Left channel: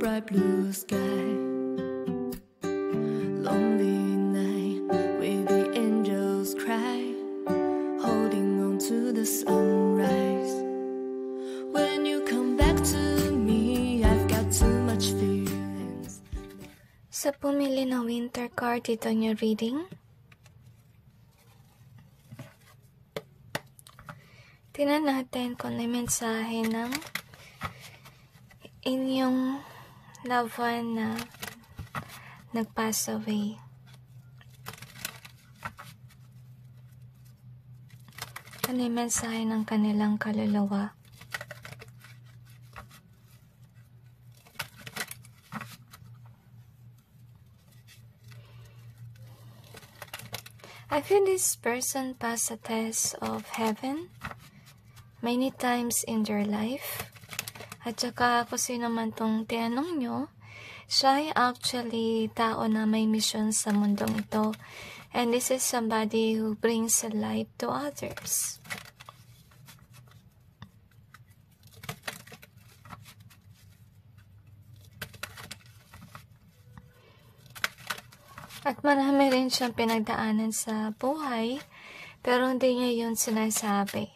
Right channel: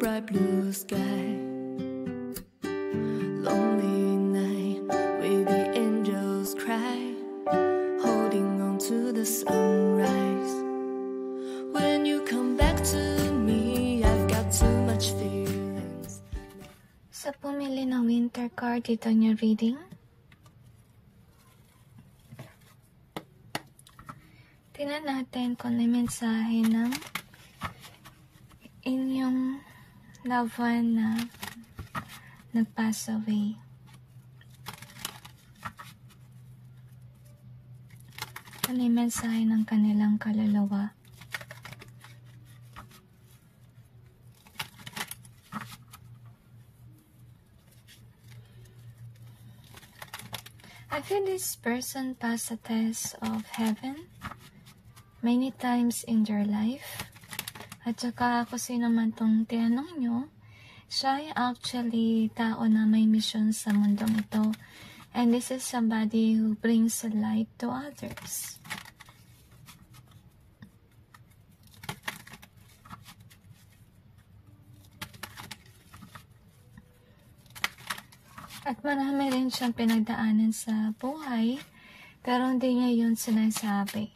bright blue sky. Lonely night with the angels cry, holding on to the sunrise. When you come back to me, I've got too much feelings. Sa pumili ng winter card dito niyo reading, tingnan natin kung may mensahe ng inyong loved one na nag-pass away. Ano yung mensahe ng kanilang kaluluwa? I feel this person passed a test of heaven many times in their life. At saka kung sino man tong tinanong nyo, siya ay actually tao na may mission sa mundong ito. And this is somebody who brings a light to others. At marami rin siyang pinagdaanan sa buhay, pero hindi niya yun sinasabi.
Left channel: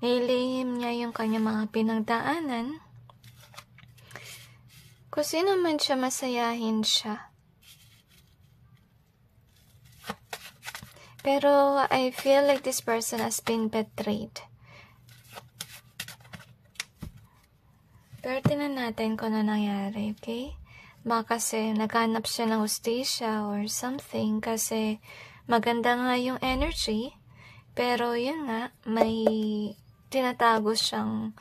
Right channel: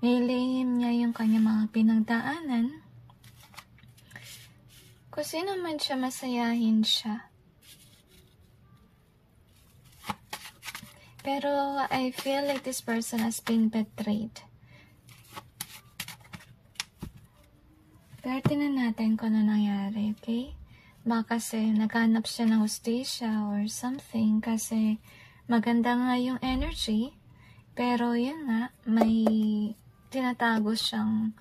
Nilihim niya yung kanyang mga pinagdaanan. Kung sino man siya, masayahin siya. Pero I feel like this person has been betrayed. Pero tingnan natin kung ano nangyari, okay? Baka kasi naghanap siya ng hustisya or something kasi maganda nga yung energy. Pero yun nga, may tinatago siyang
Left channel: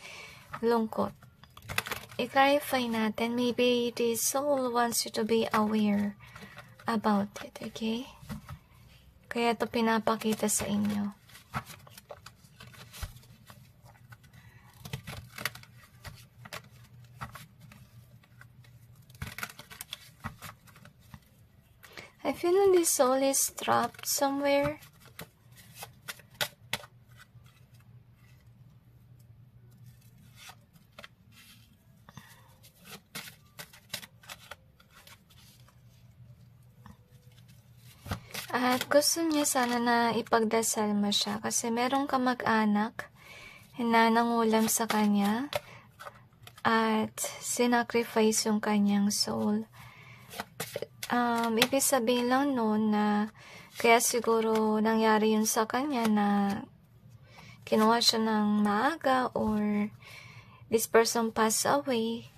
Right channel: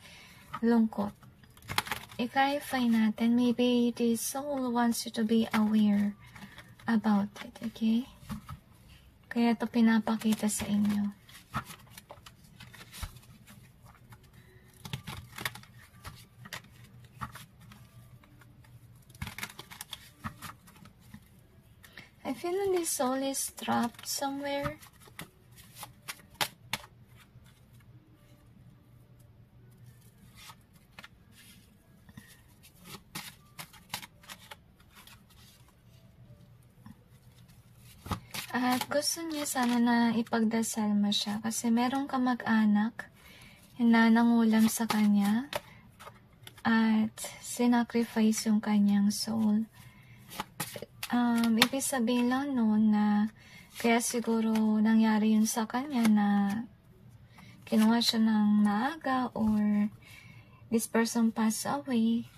lungkot. I-clarify natin, maybe the soul wants you to be aware about it, okay? Kaya ito pinapakita sa inyo. I feel the soul is trapped somewhere. At gusto niya sana na ipagdasal mo siya kasi merong kamag-anak na nangulam sa kanya at sinacrifice yung kanyang soul. Ibig sabihin lang noon na kaya siguro nangyari yun sa kanya na kinuha siya ng maaga or this person passed away.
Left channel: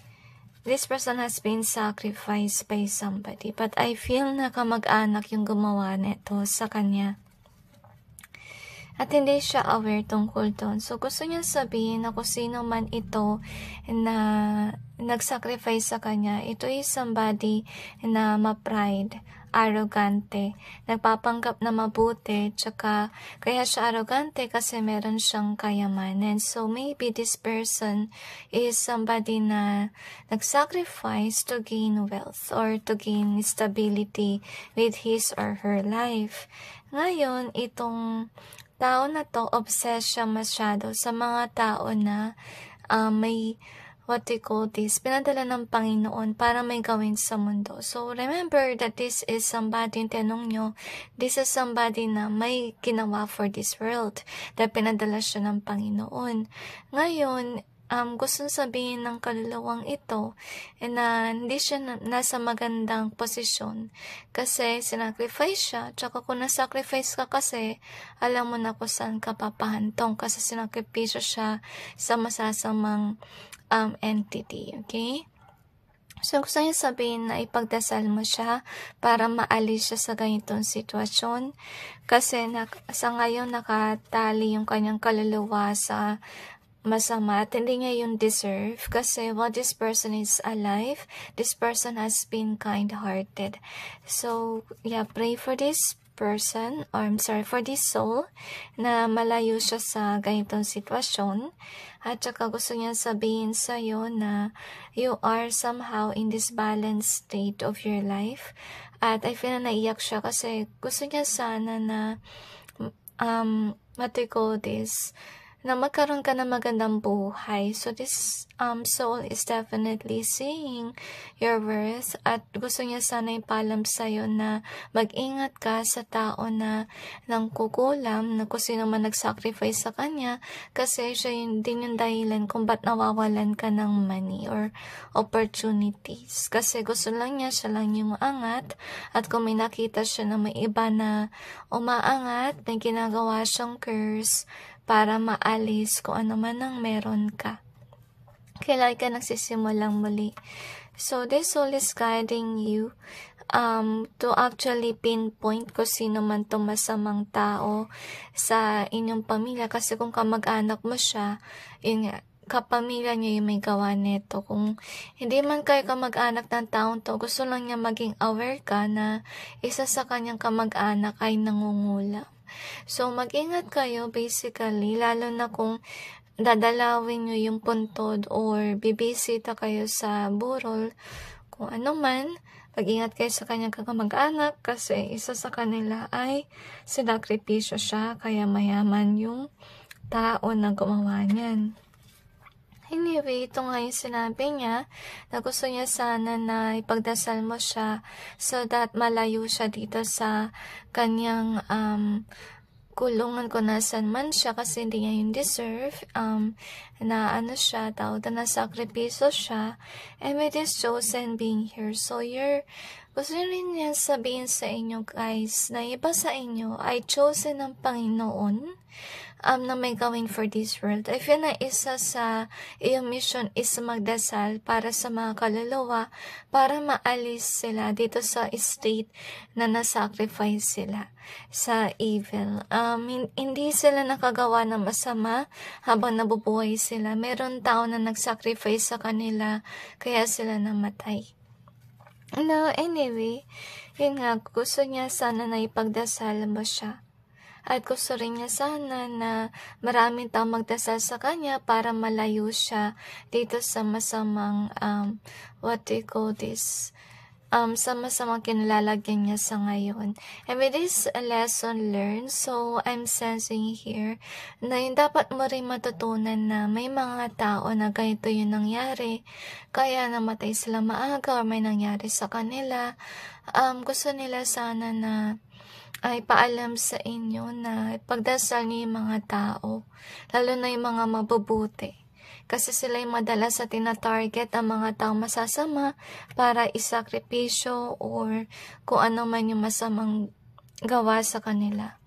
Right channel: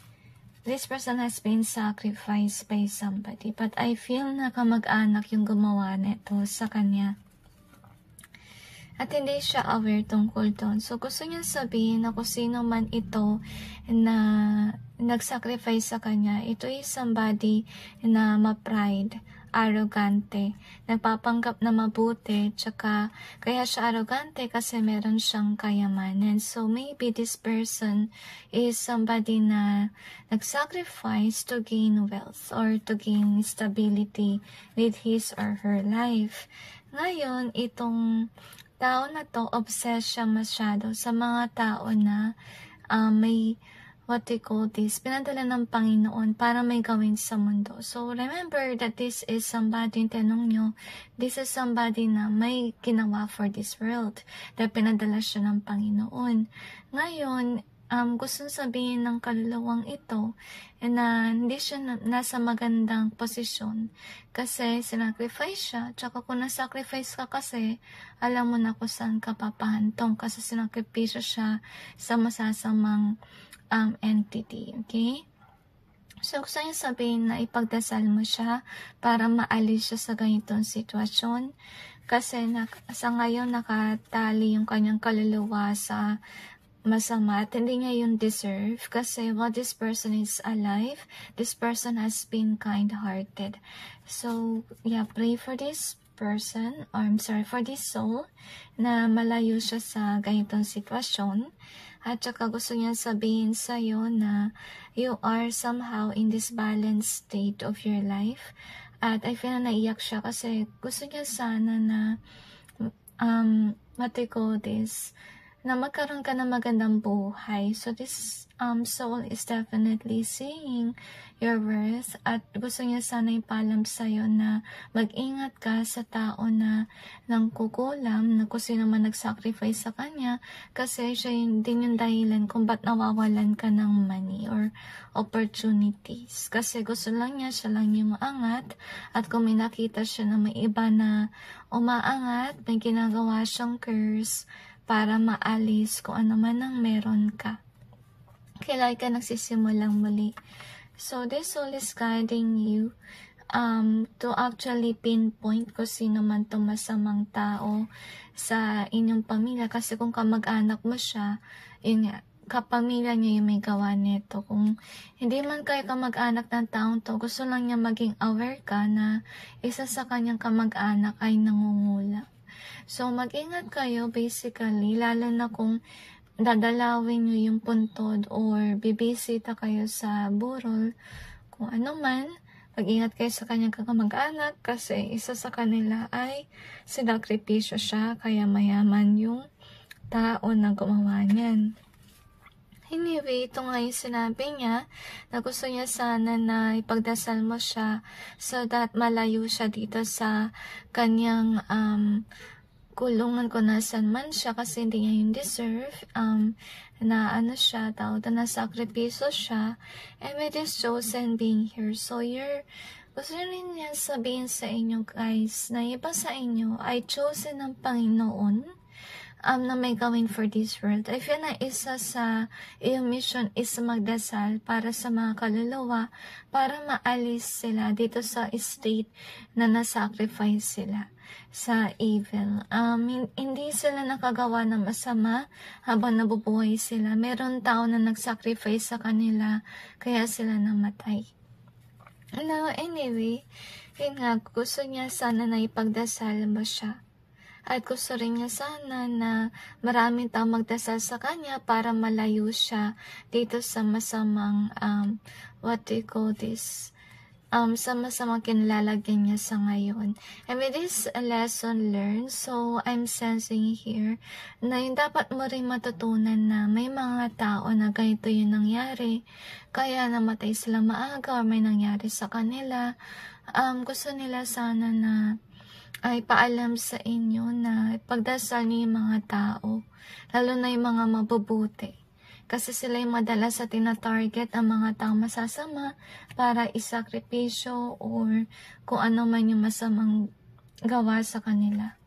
This person has been sacrificed by somebody. But I feel na kamag-anak yung gumawa nito sa kanya. At hindi siya aware tungkol doon. So gusto niya sabihin na kung sino man ito na nag-sacrifice sa kanya, ito is somebody na ma-pride, arrogante, nagpapanggap na mabuti, tsaka kaya siya arrogante kasi meron siyang kayamanan. So maybe this person is somebody na nag-sacrifice to gain wealth or to gain stability with his or her life. Ngayon, itong tao na to, obsessed siya masyado sa mga tao na may what we call this, pinadala ng Panginoon para may gawin sa mundo. So, remember that this is somebody, tanong nyo, this is somebody na may ginawa for this world, dahil pinadala siya ng Panginoon. Ngayon, gusto sabihin ng kaluluwang ito na hindi siya nasa magandang posisyon kasi sinacrifice siya. Tsaka kung nasacrifice ka kasi, alam mo na kung saan ka papahantong kasi sinakripisyo siya sa masasamang entity, okay? So, gusto niya sabihin na ipagdasal mo siya para maalis siya sa ganitong sitwasyon. Kasi sa ngayon nakatali yung kanyang kaluluwa sa masama at hindi niya yung deserve. Kasi while this person is alive, this person has been kind-hearted. So, yeah, pray for this person, or I'm sorry, for this soul na malayo siya sa ganitong sitwasyon. At saka gusto niya sabihin sa'yo na you are somehow in this balanced state of your life. At I feel na naiyak siya kasi gusto niya sana na what do you call this? na magkaroon ka ng magandang buhay. So this soul is definitely seeing your worth at gusto niya sana ipalam sa'yo na mag-ingat ka sa tao na nangkukulam, na kung sino man nag-sacrifice sa kanya, kasi siya din yung dahilan kung ba't nawawalan ka ng money or opportunities. Kasi gusto lang niya, siya lang yung maangat, at kung may nakita siya na may iba na umaangat, may ginagawa siyang curse para maalis kung ano man ang meron ka. Kailan ka nagsisimulang muli. So this soul is guiding you to actually pinpoint kung sino man itong masamang tao sa inyong pamilya. Kasi kung kamag-anak mo siya, yun nga, kapamilya niya yung may gawa nito. Kung hindi man kayo kamag-anak ng taong to, gusto lang niya maging aware ka na isa sa kanyang kamag-anak ay nangungula. So, mag-ingat kayo basically, lalo na kung dadalawin nyo yung puntod or bibisita kayo sa burol, kung ano man, mag-ingat kayo sa kanyang kamag-anak kasi isa sa kanila ay sinakripisyo siya, kaya mayaman yung tao na gumawa niyan. Anyway, ito nga yung sinabi niya na gusto niya sana na ipagdasal mo siya so that malayo siya dito sa kanyang kulungan kung nasan man siya kasi hindi niya yung deserve, na ano siya, na sakripiso siya, and with this chosen being here. So gusto rin niya sabihin sa inyo guys, na iba sa inyo ay chosen ng Panginoon, na may gawin for this world. I feel na isa sa iyong mission is magdasal para sa mga kaluluwa para maalis sila dito sa state na nasacrifice sila sa evil. Hindi sila nakagawa ng masama habang nabubuhay sila. Meron tao na nagsacrifice sa kanila kaya sila namatay. No, anyway, yun nga, gusto niya sana na ipagdasal mo siya. At gusto rin niya sana na maraming tao magdasal sa kanya para malayo siya dito sa masamang, sa masamang kinalalagyan niya sa ngayon. And with this lesson learned, so I'm sensing here na yung dapat mo rin matutunan na may mga tao na ganito yung nangyari, kaya namatay sila maaga o may nangyari sa kanila. Gusto nila sana na ay paalam sa inyo na pagdasal niyo yung mga tao, lalo na yung mga mabubuti. Kasi sila yung madalas sa tina-target ang mga tao masasama para isakripisyo or kung ano man yung masamang gawa sa kanila.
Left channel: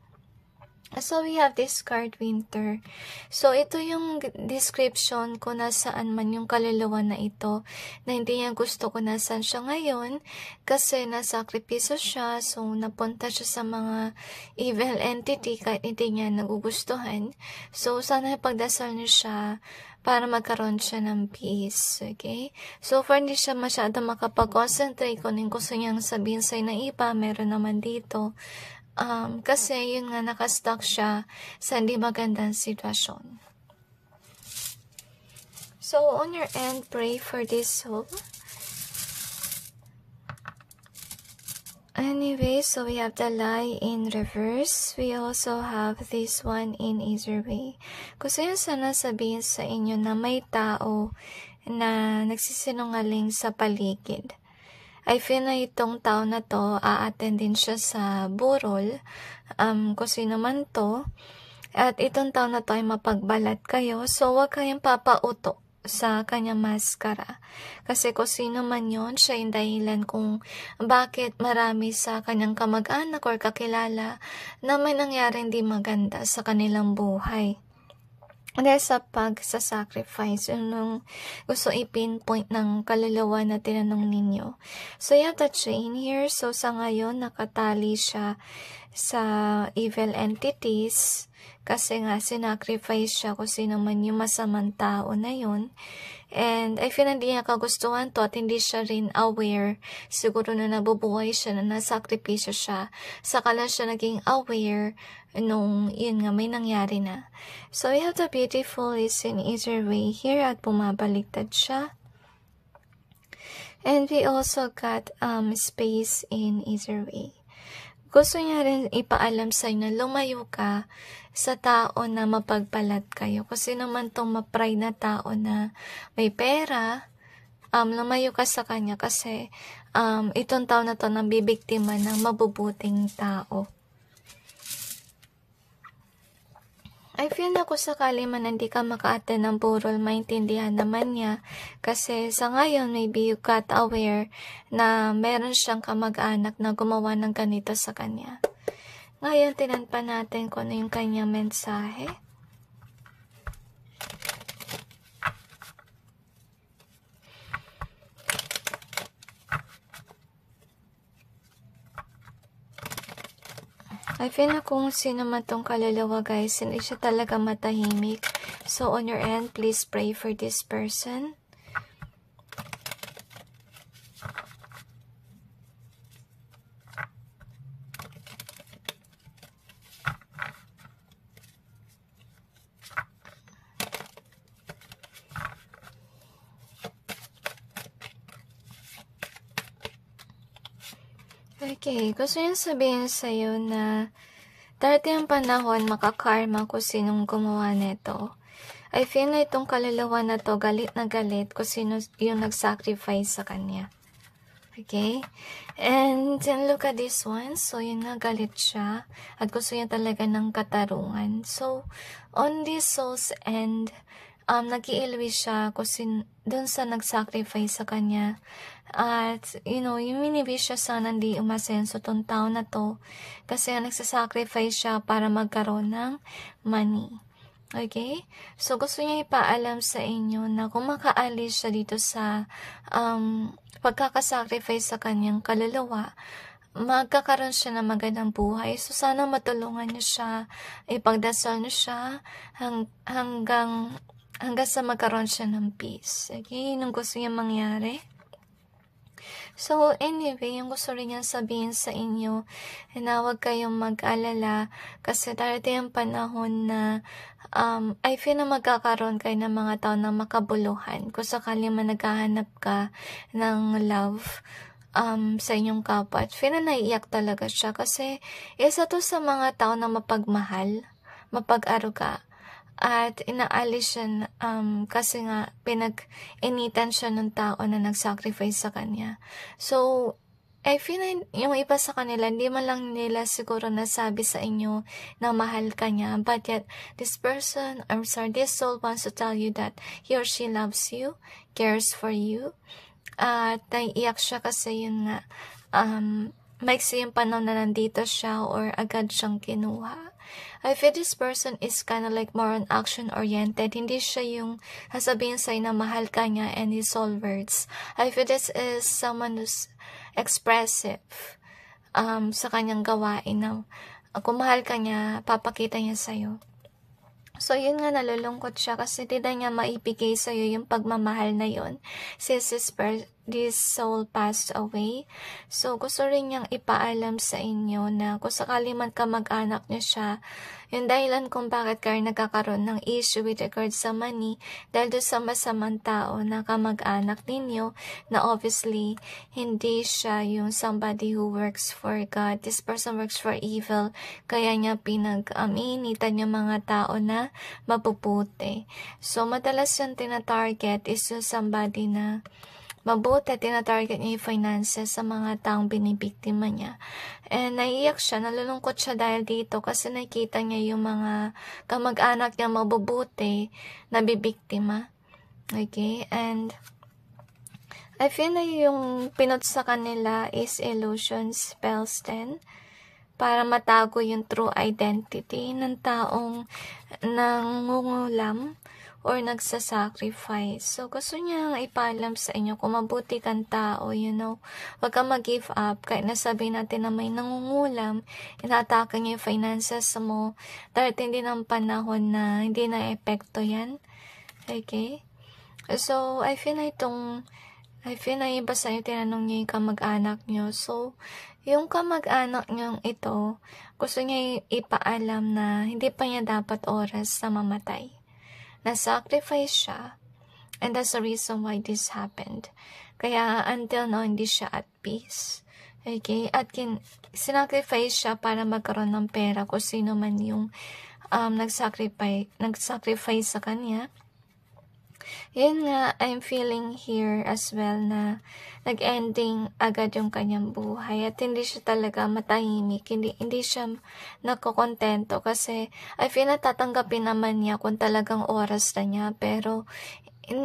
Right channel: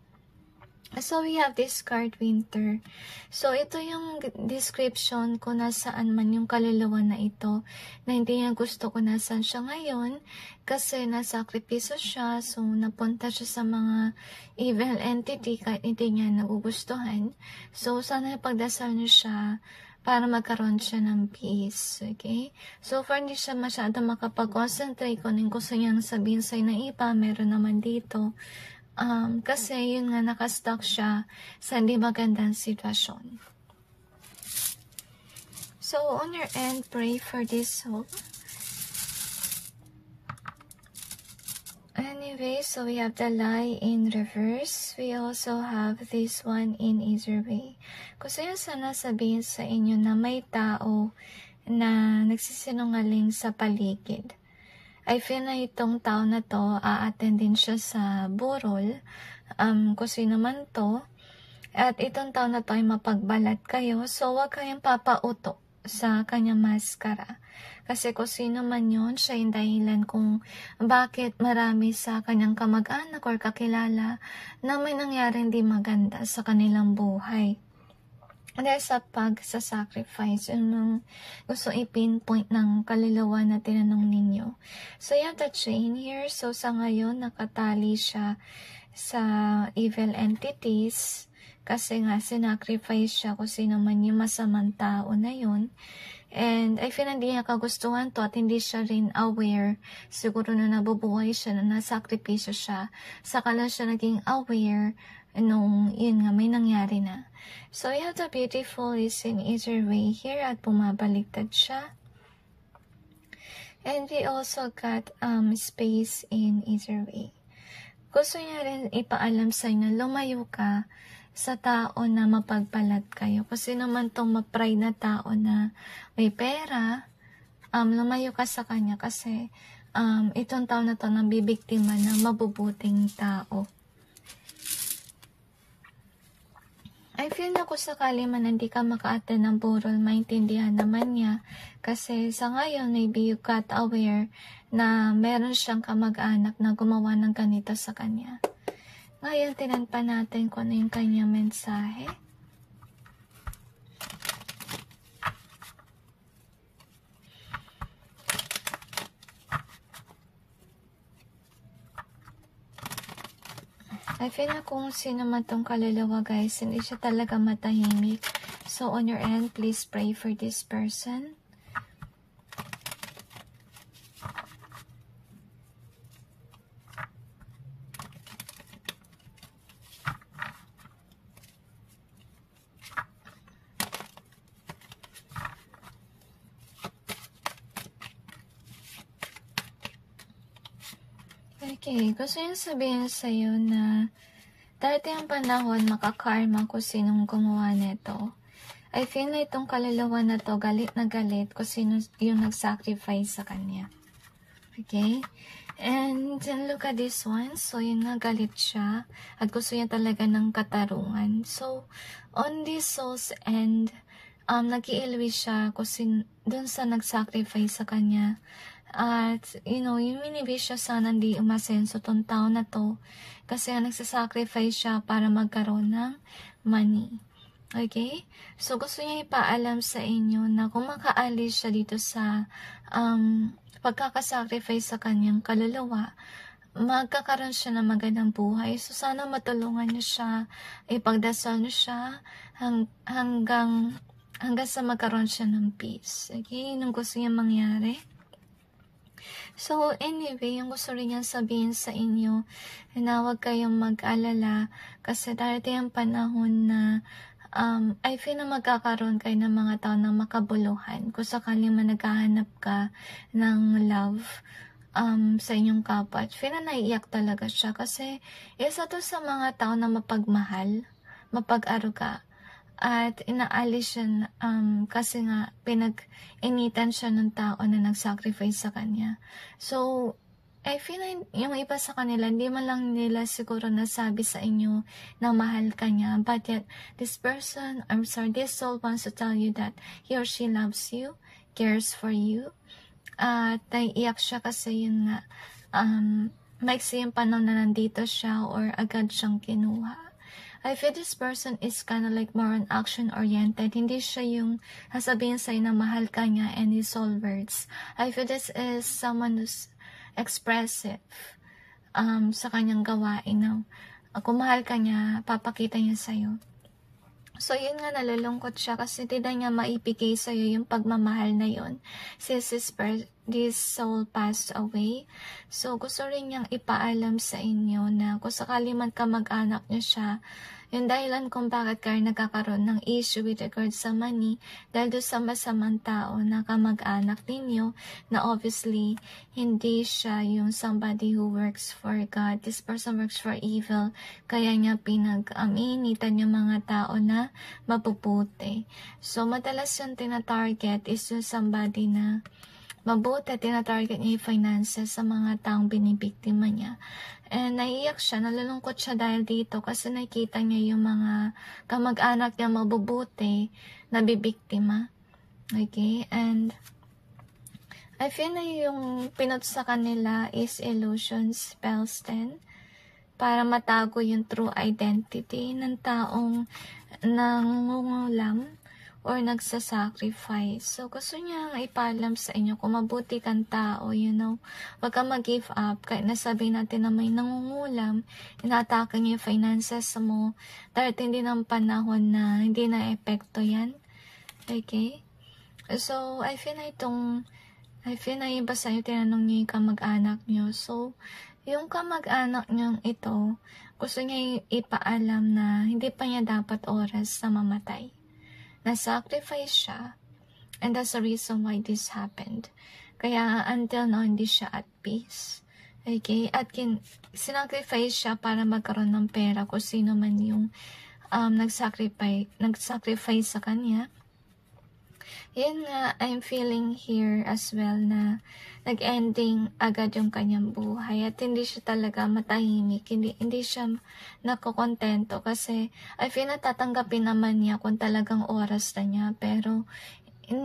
So, we have this card, Winter. So, ito yung description kung nasaan man yung kaluluwa na ito, na hindi niya gusto kung nasaan siya ngayon, kasi nasakripiso siya, so napunta siya sa mga evil entity kahit hindi niya nagugustuhan. So, sana ipagdasal niyo siya para magkaroon siya ng peace, okay? So, far hindi siya masyado makapag-concentrate kung yung gusto niyang sabihin sa'yo na iba, meron naman dito. Kasi yun nga, nakastuck siya sa hindi magandang sitwasyon. So, on your end, pray for this soul. Anyway, so we have the lie in reverse. We also have this one in either way. Gusto yun sana sabihin sa inyo na may tao na nagsisinungaling sa paligid. I feel na itong tao na to, a-attend din siya sa burol, kung sino man to, at itong tao na to ay mapagbalat kayo, so wag kayong papauto sa kanyang maskara. Kasi kung sino man yun, siya yung dahilan kung bakit marami sa kanyang kamag-anak or kakilala na may nangyari hindi maganda sa kanilang buhay. Dahil sa pag-sacrifice, yung gusto i-pinpoint ng kaluluwa na tinanong ninyo. So, you have the chain here. So, sa ngayon, nakatali siya sa evil entities kasi nga sinacrifice siya kung sino man yung masamang tao na yun. And I feel hindi niya kagustuhan to at hindi siya rin aware. Siguro na nabubuhay siya, na nasakripisyo siya. Saka lang siya naging aware nung yun nga may nangyari na. So, we have the beautiful is in either way here at bumabaliktad siya. And we also got space in either way. gusto niya rin ipaalam sa inyo, lumayo ka sa tao na mapagpalat kayo. Kasi naman tong ma-pride na tao na may pera, lumayo ka sa kanya kasi itong tao na to nabibiktima ng mabubuting tao. I feel na kung sakali man hindi ka maka-attend ng burol, maintindihan naman niya. Kasi sa ngayon, maybe you got aware na meron siyang kamag-anak na gumawa ng ganito sa kanya. Ngayon, tinanpan natin kung ano yung kanyang mensahe. I feel na kung sino man tong kaluluwa, guys, hindi siya talaga matahimik. So, on your end, please pray for this person. Okay, gusto niya sabihin sa'yo na darating ang panahon makakarma kung sinong gumawa nito. I feel na itong kaluluwa na to galit na galit kung sino yung nag-sacrifice sa kanya. Okay? And then look at this one. So yun nga, galit siya at gusto niya talaga ng katarungan. So on this soul's end, nag-iilwi siya kung dun sa nag-sacrifice sa kanya. At, yung miniwish siya sana hindi umasenso tong tao na to kasi nagsasacrifice siya para magkaroon ng money. Okay? So, gusto niya ipaalam sa inyo na kung makaalis siya dito sa pagkakasacrifice sa kanyang kaluluwa, magkakaroon siya ng magandang buhay. So, sana matulungan niyo siya, ipagdasal niyo siya hanggang sa magkaroon siya ng peace. Okay? Yun ang gusto niya mangyari. So, anyway, yung gusto rin niyang sabihin sa inyo na huwag kayong mag-alala kasi darating ang panahon na I feel na magkakaroon kayo ng mga tao na makabuluhan. Kung sakali man naghahanap ka ng love sa inyong kapwa. At feel na naiiyak talaga siya kasi isa to sa mga tao na mapagmahal, mapag-aruga. At inaalis siya kasi nga pinag-initan siya ng tao na nag-sacrifice sa kanya. So, I feel na yung iba sa kanila, hindi man lang nila siguro nasabi sa inyo na mahal ka niya. But yet, this soul wants to tell you that he or she loves you, cares for you. At naiiyak siya kasi yun nga, maiksi yung panahon na nandito siya or agad siyang kinuha. I feel this person is kind of like more on action-oriented. Hindi siya yung sasabihin sa'yo na mahal ka niya and his all words. I feel this is someone who's expressive sa kanyang gawain na kung mahal ka niya, papakita niya sa'yo. So, yun nga, nalulungkot siya kasi hindi niya maibigay sa'yo yung pagmamahal na yun since this soul passed away. So, gusto rin niyang ipaalam sa inyo na kung sakali man kamag-anak niyo siya, yung dahilan kung bakit kayo nagkakaroon ng issue with regard sa money dahil doon sa masamang tao na kamag-anak ninyo na obviously hindi siya yung somebody who works for God. This person works for evil. Kaya niya pinag-initan yung mga tao na mabubuti. So, madalas yung tina-target is yung somebody na mabuti, tina-target niya yung finances sa mga taong binibiktima niya. And naiiyak siya, nalulungkot siya dahil dito kasi nakita niya yung mga kamag-anak niya mabubuti na bibiktima. Okay? And I feel na yung pinot sa kanila is illusion spells din para matago yung true identity ng taong nangungulam or nagsasacrifice. So, gusto niya ipaalam sa inyo kung mabuti kang tao, huwag kang mag-give up. Kahit nasabi natin na may nangungulam, inatake niya yung finances mo, darating din ang panahon na hindi na epekto yan. Okay? So, I feel na iba sa inyo, tinanong niyo yung kamag-anak niyo. So, yung kamag-anak niyong ito, gusto niya ipaalam na hindi pa niya dapat oras na mamatay. Na-sacrifice siya. And that's the reason why this happened. Kaya until now, hindi siya at peace. Okay? At sinacrifice siya para magkaroon ng pera kung sino man yung nag-sacrifice sa kanya. Yun nga, I'm feeling here as well na nag-ending agad yung kanyang buhay at hindi siya talaga matahimik, hindi siya nakokontento kasi I feel na tatanggapin naman niya kung talagang oras na niya, pero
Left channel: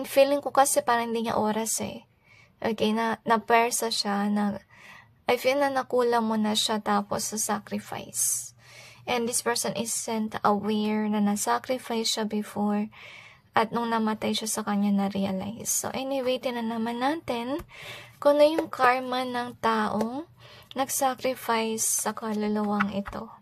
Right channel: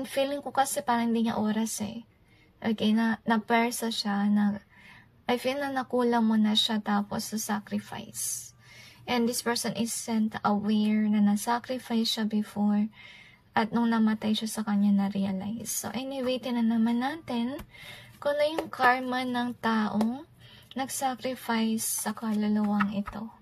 feeling ko kasi parang hindi niya oras eh. Okay, na-persa siya, I feel na nakulang mo na siya tapos sa sacrifice. And this person isn't aware na na-sacrifice siya before. At nung namatay siya sa kanya na-realize. So anyway, tinan naman natin kung ano yung karma ng taong nag-sacrifice sa kaluluwang ito.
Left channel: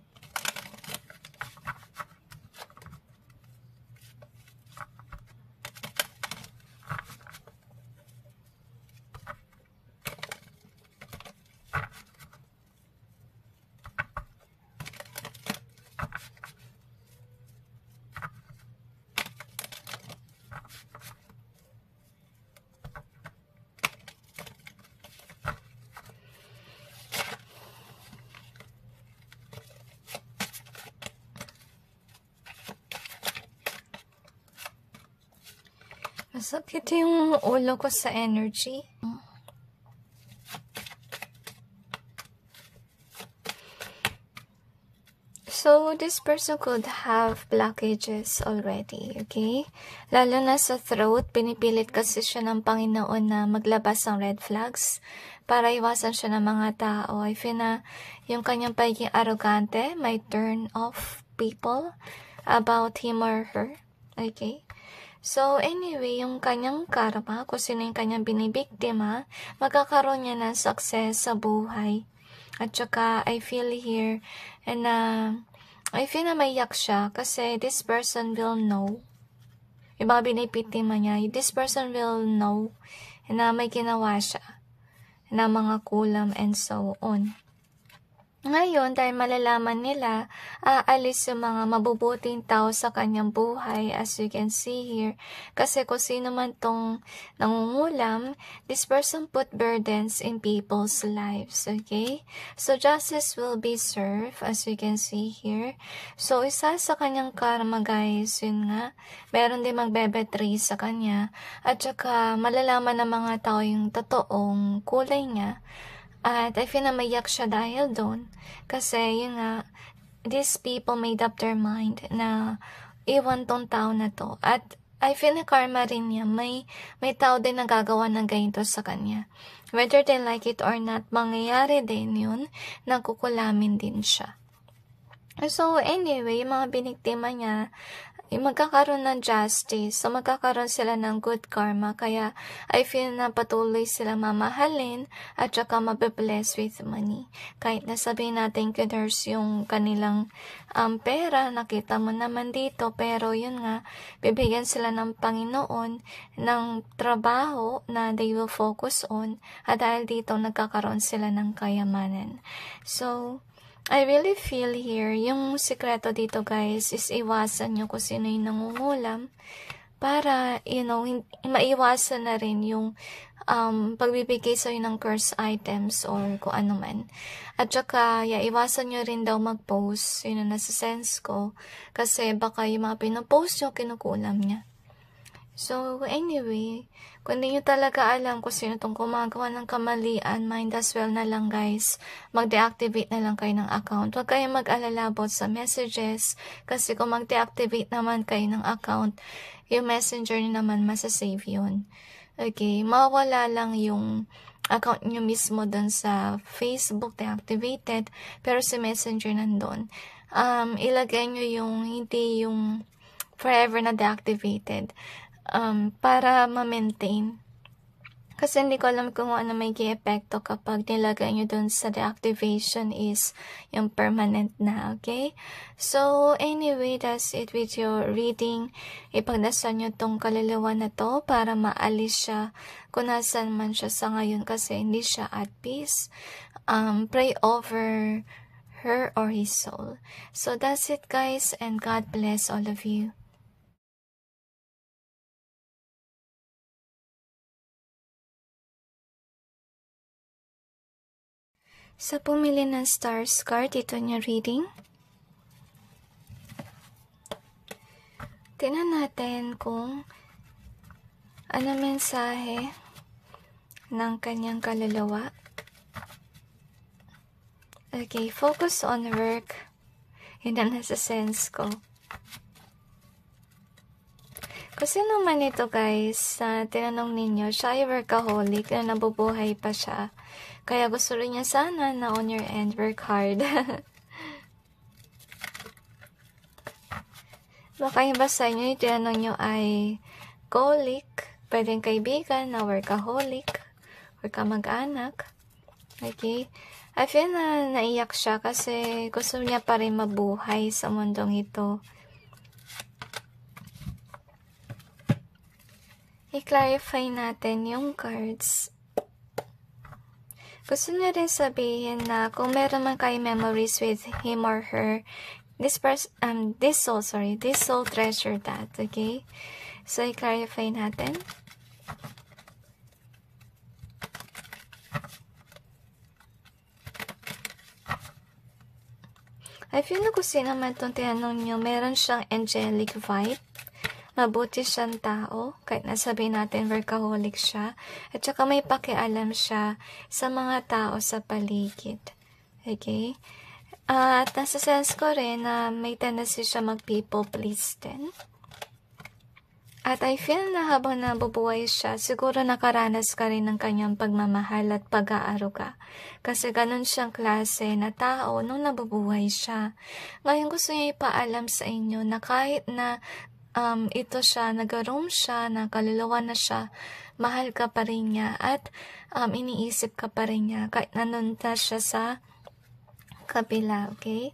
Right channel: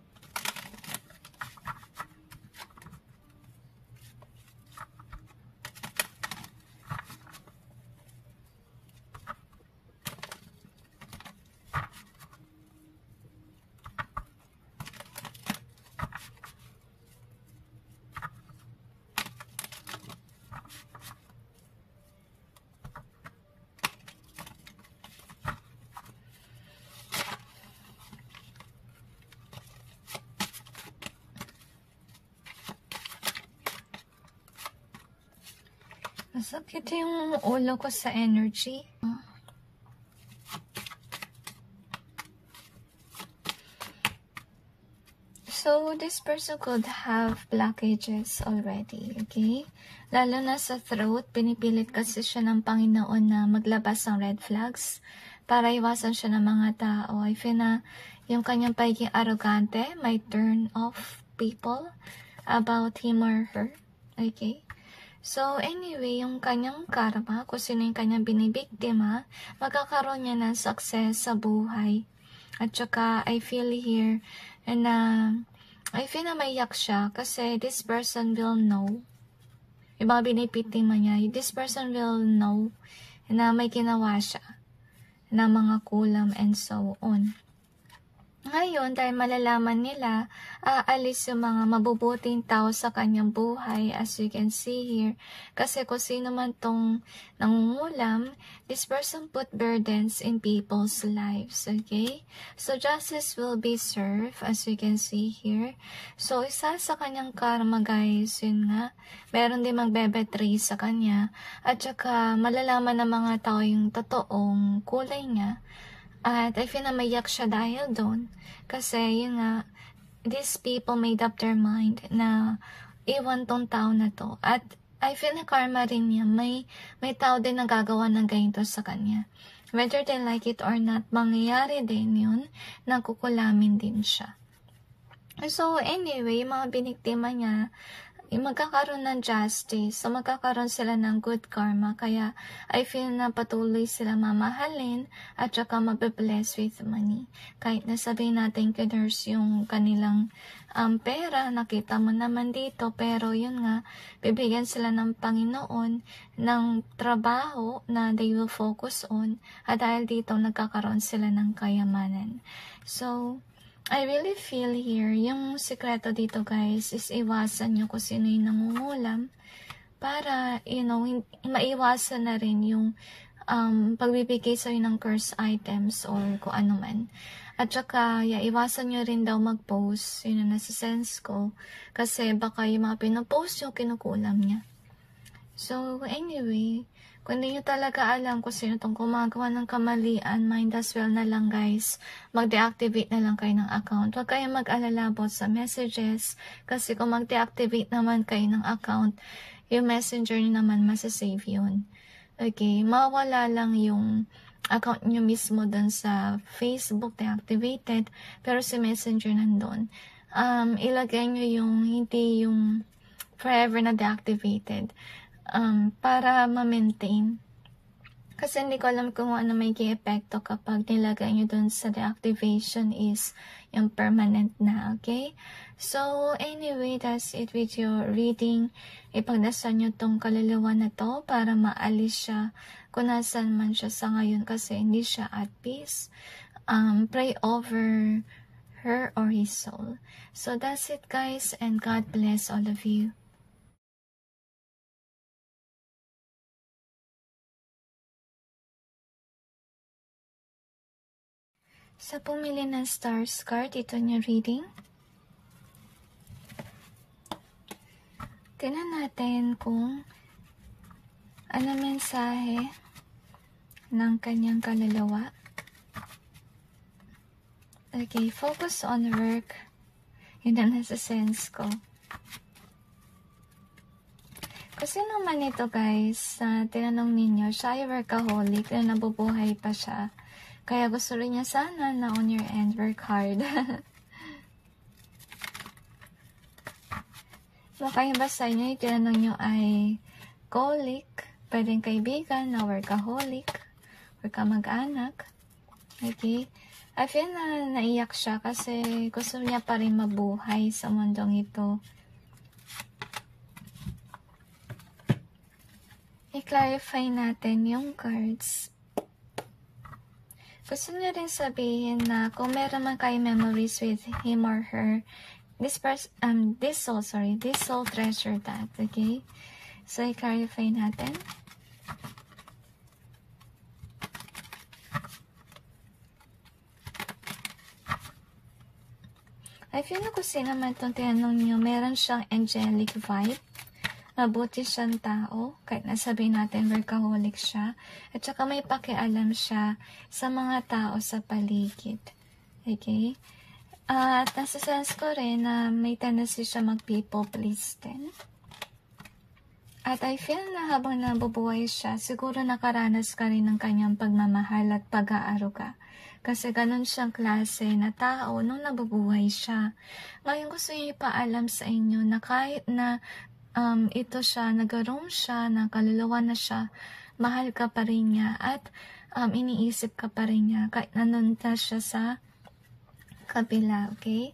Masakit yung ulo ko sa energy. So, this person could have blockages already, okay? Lalo na sa throat, pinipilit kasi siya ng Panginoon na maglabas ng red flags para iwasan siya ng mga tao. I feel na yung kanyang pagiging arrogante might turn off people about him or her, okay? So, anyway, yung kanyang karma, kung sino yung kanyang binibiktima, magkakaroon niya ng success sa buhay. At saka, I feel here, and I feel na maiyak siya kasi this person will know. Yung mga binibiktima niya, this person will know na may ginawa siya na mga kulam and so on. Ngayon, dahil malalaman nila, aalis yung mga mabubuting tao sa kanyang buhay, as you can see here. Kasi kung sino man tong nangungulam, this person put burdens in people's lives, okay? So, justice will be served, as we can see here. So, isa sa kanyang karma, guys, yun nga, meron din magbebetray sa kanya. At saka, malalaman ng mga tao yung totoong kulay niya. At I feel na maiyak siya dahil doon. Kasi yun nga, these people made up their mind na iwan tong tao na to. At I feel na karma rin niya. May tao din nagagawa ng ganito sa kanya. Whether they like it or not, mangyayari din yun, nagkukulamin din siya. So anyway, yung mga biniktima niya, magkakaroon ng justice. So, magkakaroon sila ng good karma. Kaya, I feel na patuloy sila mamahalin at saka mabibless with money. Kahit nasabihin natin kiders yung kanilang pera, nakita mo naman dito, pero yun nga, bibigyan sila ng Panginoon ng trabaho na they will focus on. At dahil dito, nagkakaroon sila ng kayamanan. So, I really feel here, yung sikreto dito guys is iwasan nyo kung sino yung nangungulam para, maiwasan na rin yung pagbibigay sa'yo ng curse items or kung ano man. At saka, iwasan nyo rin daw mag-post, yun ang nasa-sense ko, kasi baka yung mga pinopost nyo, kinukulam niya. So, anyway, kung hindi nyo talaga alam kung sino itong gumagawa ng kamalian, mind as well na lang guys, mag-deactivate na lang kayo ng account. Huwag kayong mag-alala about sa messages, kasi kung mag-deactivate naman kayo ng account, yung messenger nyo naman masasave yun. Okay, mawala lang yung account nyo mismo dun sa Facebook deactivated, pero si messenger nandun. Ilagay nyo yung hindi yung forever na deactivated. Para ma-maintain. Kasi hindi ko alam kung ano may epekto kapag nilagay nyo dun sa deactivation is yung permanent na, okay? So, anyway, that's it with your reading. Ipagdasal nyo tong kaluluwa na to para maalis siya kung nasan man siya sa ngayon kasi hindi siya at peace. Pray over her or his soul. So, that's it guys, and God bless all of you. Sa pumili ng stars card, ito niya reading. Tingnan natin kung ano mensahe ng kanyang kaluluwa. Okay, focus on work. Yun ang nasa sense ko. Kasi naman ito guys, tinanong ninyo, siya ay workaholic na nabubuhay pa siya. Kaya gusto rin niya sana na on your end, work hard. Baka yung ba sa inyo, yung tinanong nyo ay colic, pwedeng kaibigan na workaholic, or kamag-anak. Okay? I feel na naiyak siya kasi gusto niya pa rin mabuhay sa mundong ito. I-clarify natin yung cards. Gusto niya rin sabihin na kung meron man kayo memories with him or her, this soul treasure that, okay? So, i-clarify natin. I feel na kung sino man itong tinanong nyo, meron siyang angelic vibe. Mabuti siyang tao, kahit nasabihin natin workaholic siya, at saka may pakialam siya sa mga tao sa paligid. Okay? At nasa sense ko rin na may tendency siya mag-people please din. At I feel na habang nabubuhay siya, siguro nakaranas ka rin ng kanyang pagmamahal at pag-aaruga. Kasi ganun siyang klase na tao nung nabubuhay siya. Ngayon gusto niya ipaalam sa inyo na kahit na ito siya, nag-roam siya, nakaluluwa na siya, mahal ka pa rin niya, at iniisip ka pa rin niya, kahit nanunta siya sa kabila, okay?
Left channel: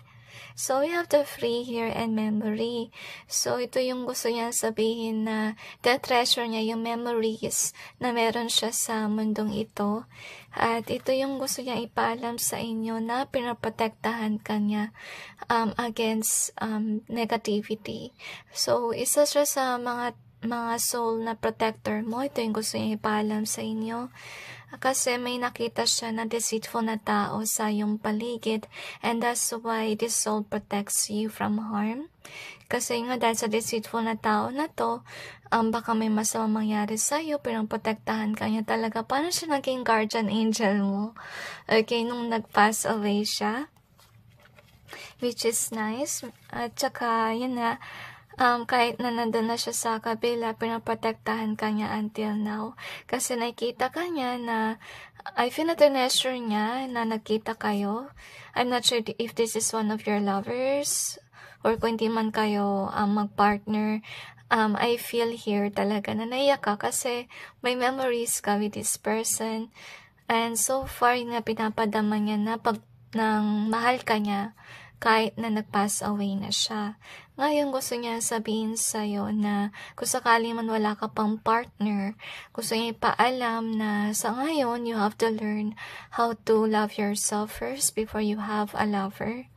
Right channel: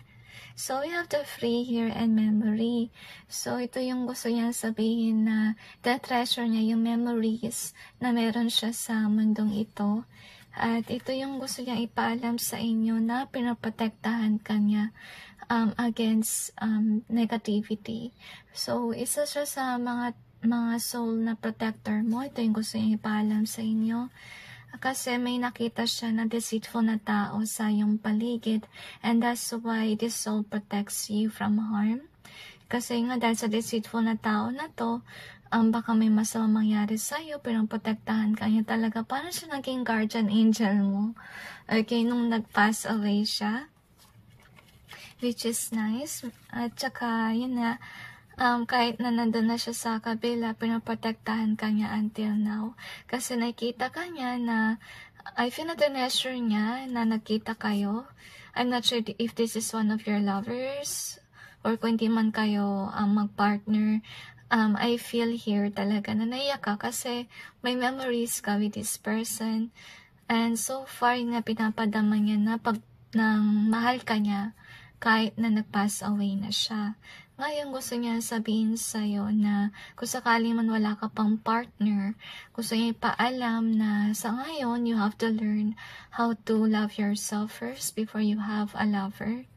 So, we have the free here and memory. So, ito yung gusto niya sabihin na treasure niya yung memories na meron siya sa mundong ito. At ito yung gusto niya ipaalam sa inyo na pinaprotektahan ka niya against negativity. So, isa siya sa mga soul na protector mo. Ito yung gusto niya ipaalam sa inyo. Kasi may nakita siya na deceitful na tao sa iyong paligid. And that's why this soul protects you from harm. Kasi nga dahil sa deceitful na tao na to, baka may masamang mangyari sa'yo, pero protektahan ka niya talaga. Paano siya naging guardian angel mo? Okay, nung nag-pass away siya. Which is nice. At saka, yun na, kahit na nandun na siya sa kabila, pinaprotektahan ka niya until now. Kasi nakikita ka niya na, I feel na treasure niya na nagkita kayo. I'm not sure if this is one of your lovers, or kung hindi man kayo mag-partner. I feel here talaga na naiyak ka kasi may memories ka with this person. And so far, nga pinapadama niya na nang mahal ka niya kahit na nag-pass away na siya. Ngayon gusto niya sabihin sa'yo na kung sakali man wala ka pang partner, gusto niya ipaalam na sa ngayon, you have to learn how to love yourself first before you have a lover.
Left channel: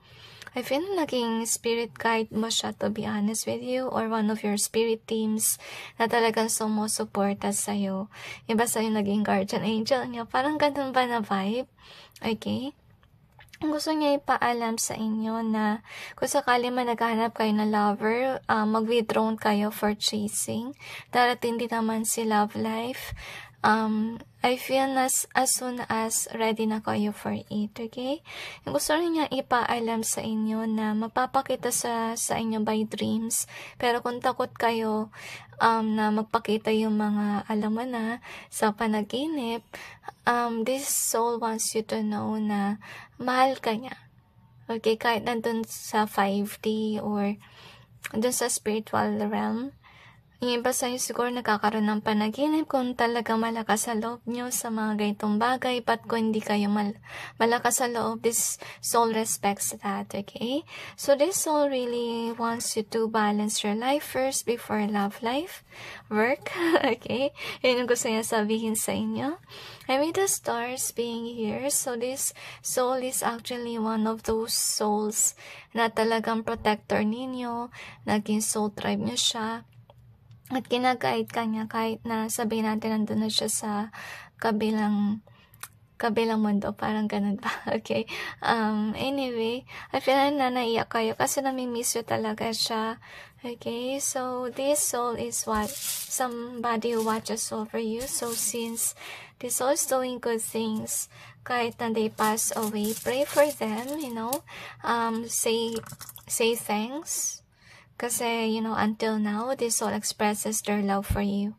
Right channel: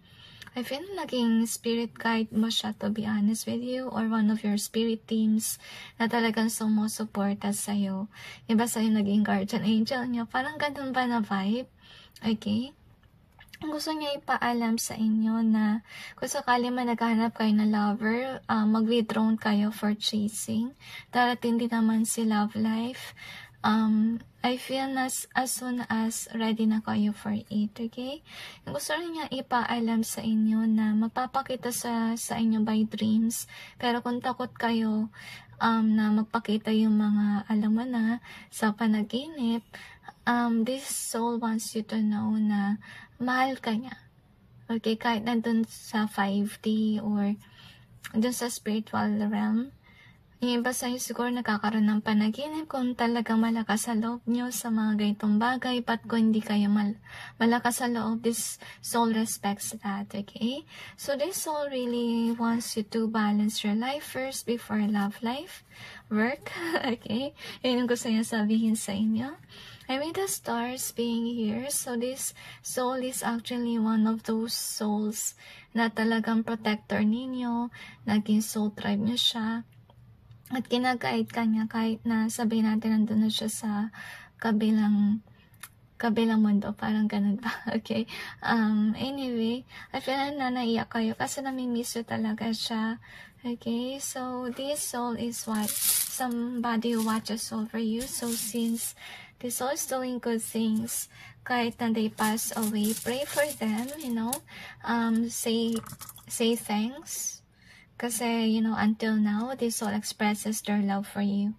I feel naging spirit guide mo siya, to be honest with you, or one of your spirit teams na talagang sumusuporta sa'yo. Iba sa'yo naging guardian angel niya. Parang ganun ba na vibe? Okay? Gusto niya ipaalam sa inyo na kung sakali man naghahanap kayo ng lover, mag-withdrawn kayo for chasing. Darating din naman si love life. I feel as soon as ready na kayo for it, okay? Gusto rin niya ipaalam sa inyo na magpapakita sa inyo by dreams. Pero kung takot kayo na magpakita yung mga alam mo na sa panaginip, this soul wants you to know na mahal ka niya. Okay, kahit nandun sa 5D or dun sa spiritual realm. Yung iba sa'yo siguro nakakaroon ng panaginip kung talaga malakas sa loob nyo sa mga ganitong bagay. But kung hindi kayo malakas sa loob, this soul respects that, okay? So this soul really wants you to balance your life first before love life, work, okay? Yun yung gusto niya sabihin sa inyo. And with the stars being here, so this soul is actually one of those souls na talagang protector ninyo, naging soul tribe nyo siya. At ginagait ka niya kahit na sabihin natin nandun na siya sa kabilang kabilang mundo, parang ganun ba? Okay. Anyway, I feel na naiyak kayo kasi nami-miss you talaga siya. Okay, so this soul is what? Somebody who watches over you. So since this soul is doing good things, kahit na they pass away, pray for them, say thanks. Kasi, until now, this soul expresses their love for you.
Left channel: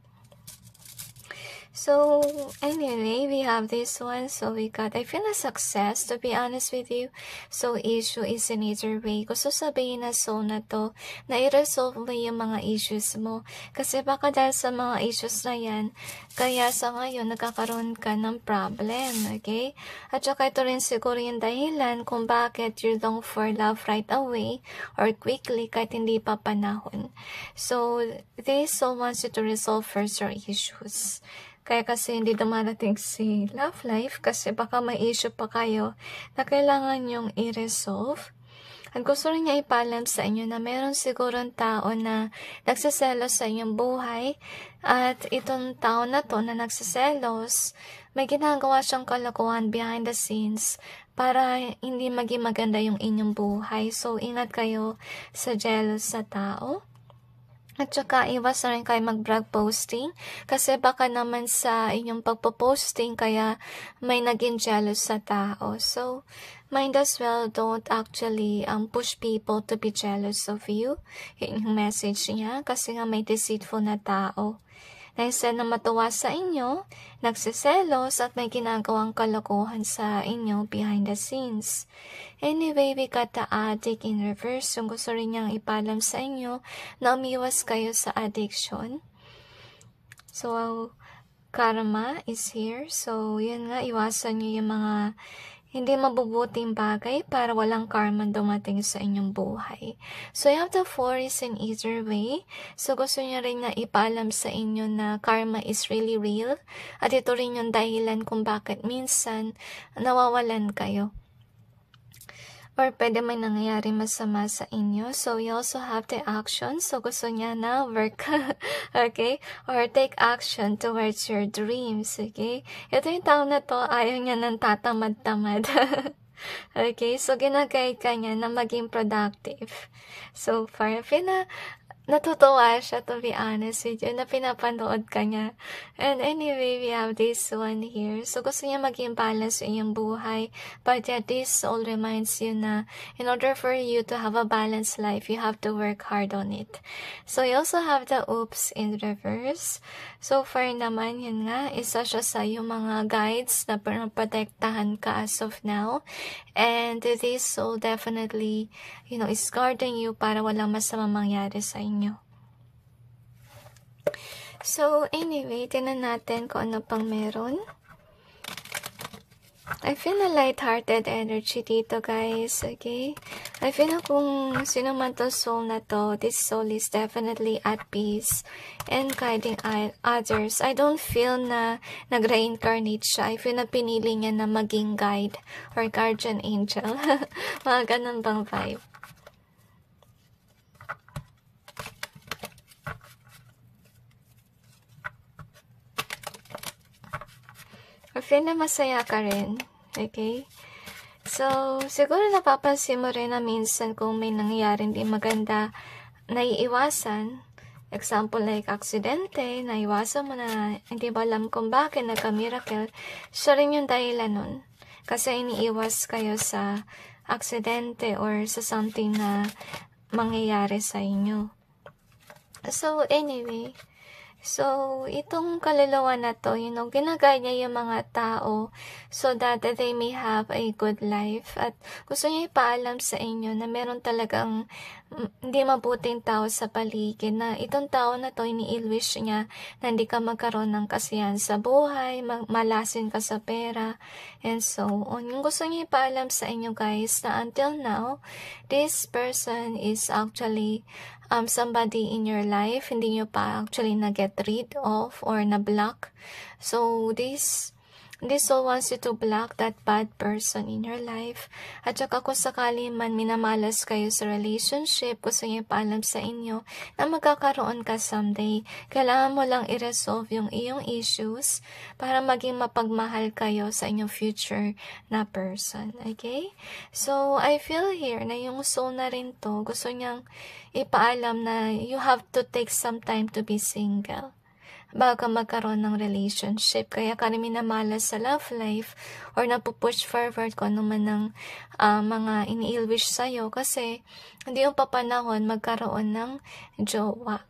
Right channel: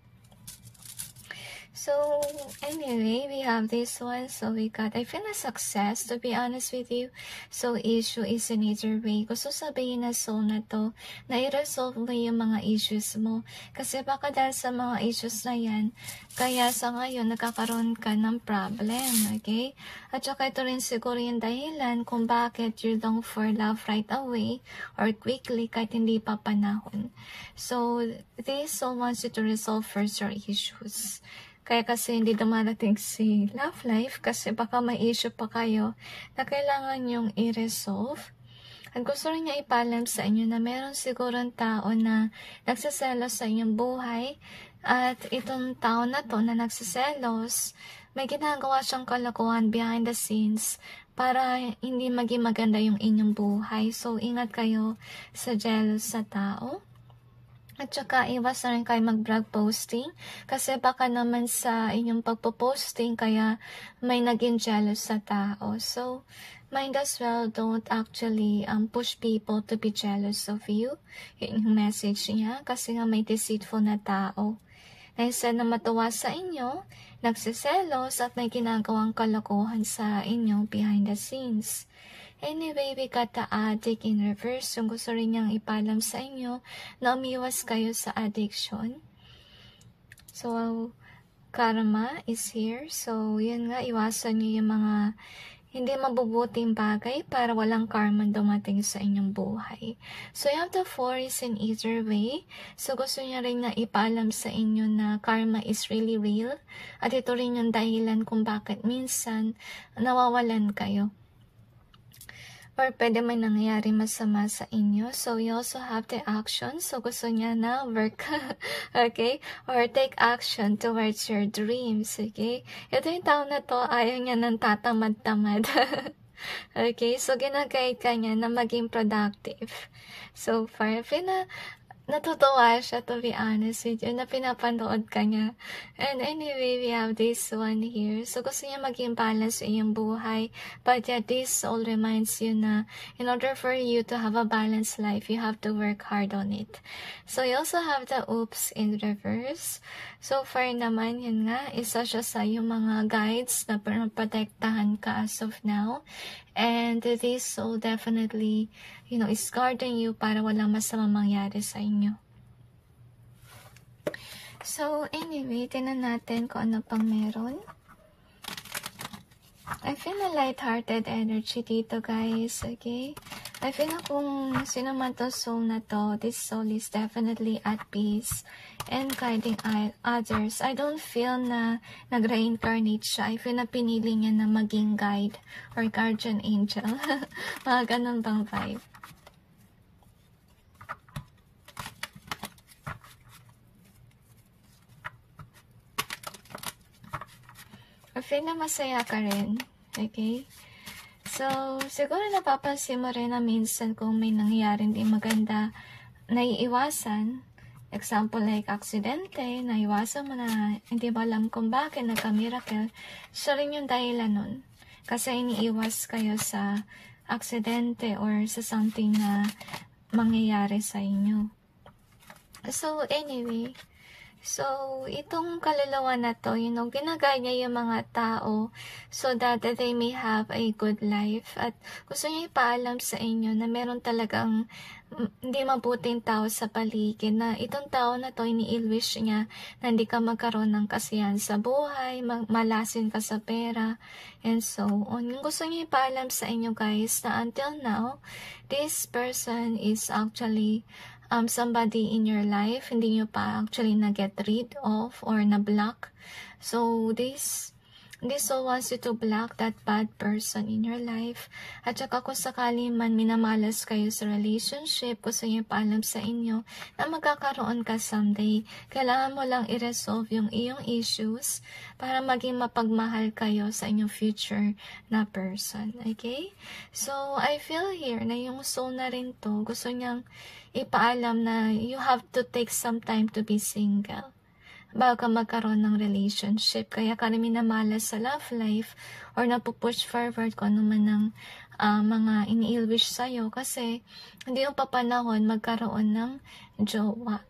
So, anyway, we have this one. So, I feel a success, to be honest with you. So, issue is in either way. Gusto sabihin na soul na to, na i-resolve mo yung mga issues mo. Kasi baka dahil sa mga issues na yan, kaya sa ngayon, nagkakaroon ka ng problem, okay? At saka ito rin siguro yung dahilan kung bakit you long for love right away or quickly kahit hindi pa panahon. So, this soul wants you to resolve first your issues. Kaya kasi hindi dumarating si love life kasi baka may issue pa kayo na kailangan yung i-resolve. At gusto rin niya ipalam sa inyo na meron sigurong tao na nagsiselos sa inyong buhay at itong tao na to na nagsiselos, may ginagawa siyang kalokohan behind the scenes para hindi maging maganda yung inyong buhay. So, ingat kayo sa jealous sa tao. At saka, iwas na rin kayo mag-brag posting kasi baka naman sa inyong pagpo-posting kaya may naging jealous sa tao. So, might as well don't actually push people to be jealous of you. Yun yung message niya kasi nga may deceitful na tao. Na instead na matuwa sa inyo, nagsiselos at may ginagawang kalokohan sa inyo behind the scenes. Anyway, we got the addict in reverse. Yung gusto rin niyang ipalam sa inyo na umiwas kayo sa addiction. So, karma is here. So, yun nga, iwasan niyo yung mga hindi mabubuting bagay para walang karma dumating sa inyong buhay. So, you have the forest in either way. So, gusto niya rin na ipaalam sa inyo na karma is really real. At ito rin yung dahilan kung bakit minsan nawawalan kayo. Or pwede may nangyayari masama sa inyo. So, you also have the action. So, gusto niya na work. Okay? Or take action towards your dreams. Okay? Ito yung tao na to, ayaw niya ng tatamad-tamad. Okay? So, ginagayad ka niya na maging productive. So, far, natutuwa siya, to be honest with you, na pinapanood ka niya. And anyway, we have this one here. So, gusto niya maging balance sa iyong buhay. But yet, this all reminds you na in order for you to have a balanced life, you have to work hard on it. So, you also have the oops in reverse. So far naman, yun nga, isa siya sa yung mga guides na protektahan ka as of now. And this soul definitely, is guarding you para walang masama mangyari sa inyo. So, anyway, tinan natin kung ano pang meron. I feel a light-hearted energy dito, guys, okay? I feel na kung sino man to soul na to, this soul is definitely at peace and guiding others. I don't feel na nag-reincarnate siya. I feel na pinili niya na maging guide or guardian angel. Mga ganun bang vibe. I feel na masaya ka rin. Okay? So, siguro napapansin mo rin na minsan kung may nangyaring di maganda, naiiwasan. Example like aksidente, naiwasan mo na hindi mo alam kung bakit nagka-miracle. Siya rin yung dahilan nun. Kasi iniiwas kayo sa aksidente or sa something na mangyayari sa inyo. So, anyway, itong kaluluwa na to, ginagaya niya yung mga tao so that they may have a good life. At gusto niya ipaalam sa inyo na meron talagang hindi mabuting tao sa paligid, na itong tao na to, ini-wish niya na hindi ka magkaroon ng kasiyahan sa buhay, malasin ka sa pera, and so on. Yung gusto niya ipaalam sa inyo, guys, na until now, this person is actually somebody in your life, hindi nyo pa actually na-get rid of or na-block. So, this This soul wants you to block that bad person in your life. At saka kung sakali man minamalas kayo sa relationship, gusto niya ipaalam sa inyo na magkakaroon ka someday. Kailangan mo lang i-resolve yung iyong issues para maging mapagmahal kayo sa inyong future na person. Okay? So, I feel here na yung soul na rin to, gusto niyang ipaalam na you have to take some time to be single bago ka magkaroon ng relationship. Kaya ka rin minamalas sa love life or napupush forward kung ano man ng mga ini-wish sa'yo kasi hindi yung papanahon magkaroon ng jowa.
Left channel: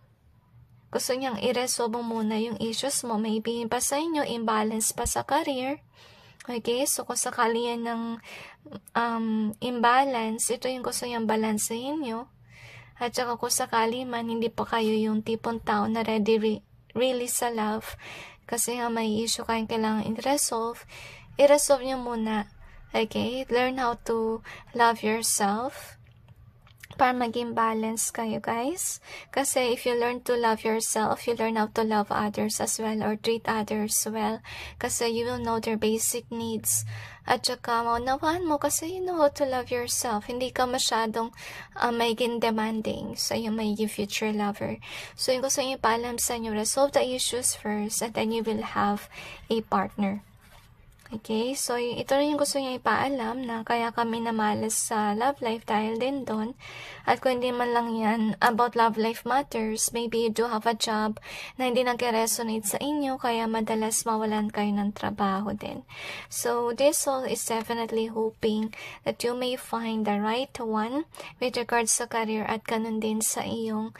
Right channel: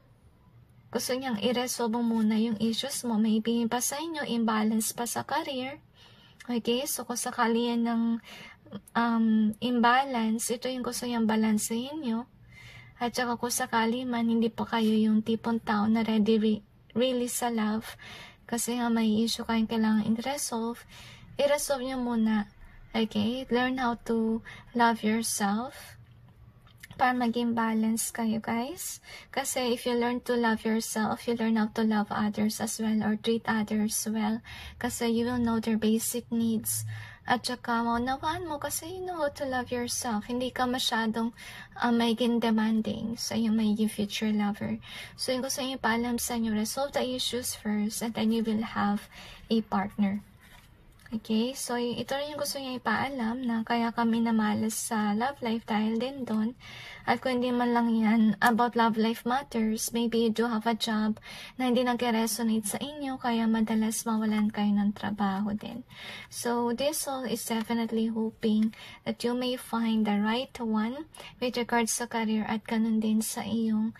Gusto niyang i-resolve muna yung issues mo. May ibigin pa sa inyo, imbalance pa sa career. Okay, so kung sakali yan ng imbalance, ito yung gusto niyang balansehin nyo. At saka kung sakali man, hindi pa kayo yung tipong tao na ready really sa love, kasi nga may issue kayong kailangan i-resolve nyo muna. Okay? Learn how to love yourself para maging balance kayo, guys. Kasi if you learn to love yourself, you learn how to love others as well or treat others well. Kasi you will know their basic needs. At saka, maunawaan mo kasi you know how to love yourself. Hindi ka masyadong maging demanding sa iyong magiging future lover. So, yung gusto niyo paalam sa inyo, resolve the issues first and then you will have a partner. Okay? So, ito rin yung gusto niya ipaalam na kaya kami namalas sa love life dahil din doon. At kung hindi man lang yan about love life matters, maybe you do have a job na hindi nag-resonate sa inyo, kaya madalas mawalan kayo ng trabaho din. So, this soul is definitely hoping that you may find the right one with regards sa career at ganun din sa iyong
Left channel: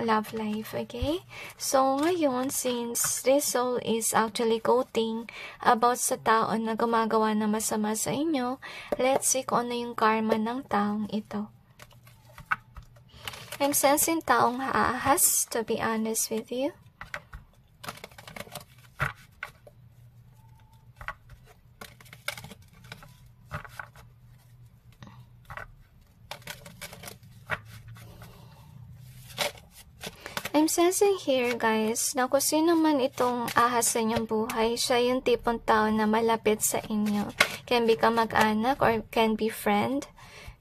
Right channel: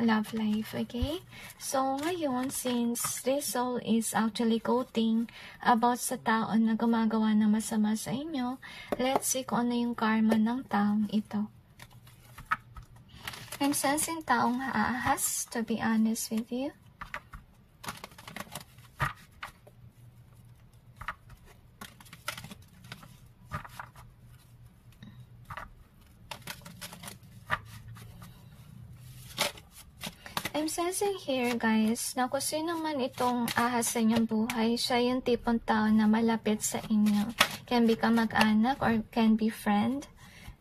love life, okay? So, ngayon, since this soul is actually quoting about sa tao na gumagawa na masama sa inyo, let's see kung ano yung karma ng taong ito. I'm sensing taong haahas, to be honest with you. I'm sensing here, guys, na kung sino man itong ahas sa inyong buhay, siya yung tipong tao na malapit sa inyo. Can be kamag-anak or can be friend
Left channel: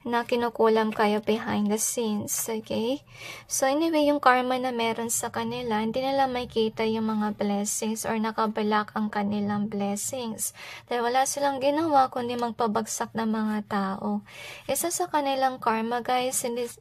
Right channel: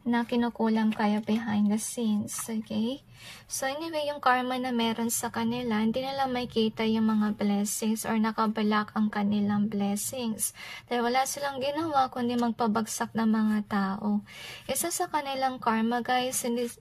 na kinukulam kayo behind the scenes, okay? So anyway, yung karma na meron sa kanila, hindi nila makita yung mga blessings or nakablock ang kanilang blessings. Dahil wala silang ginawa kundi magpabagsak ng mga tao. Isa sa kanilang karma, guys, hindi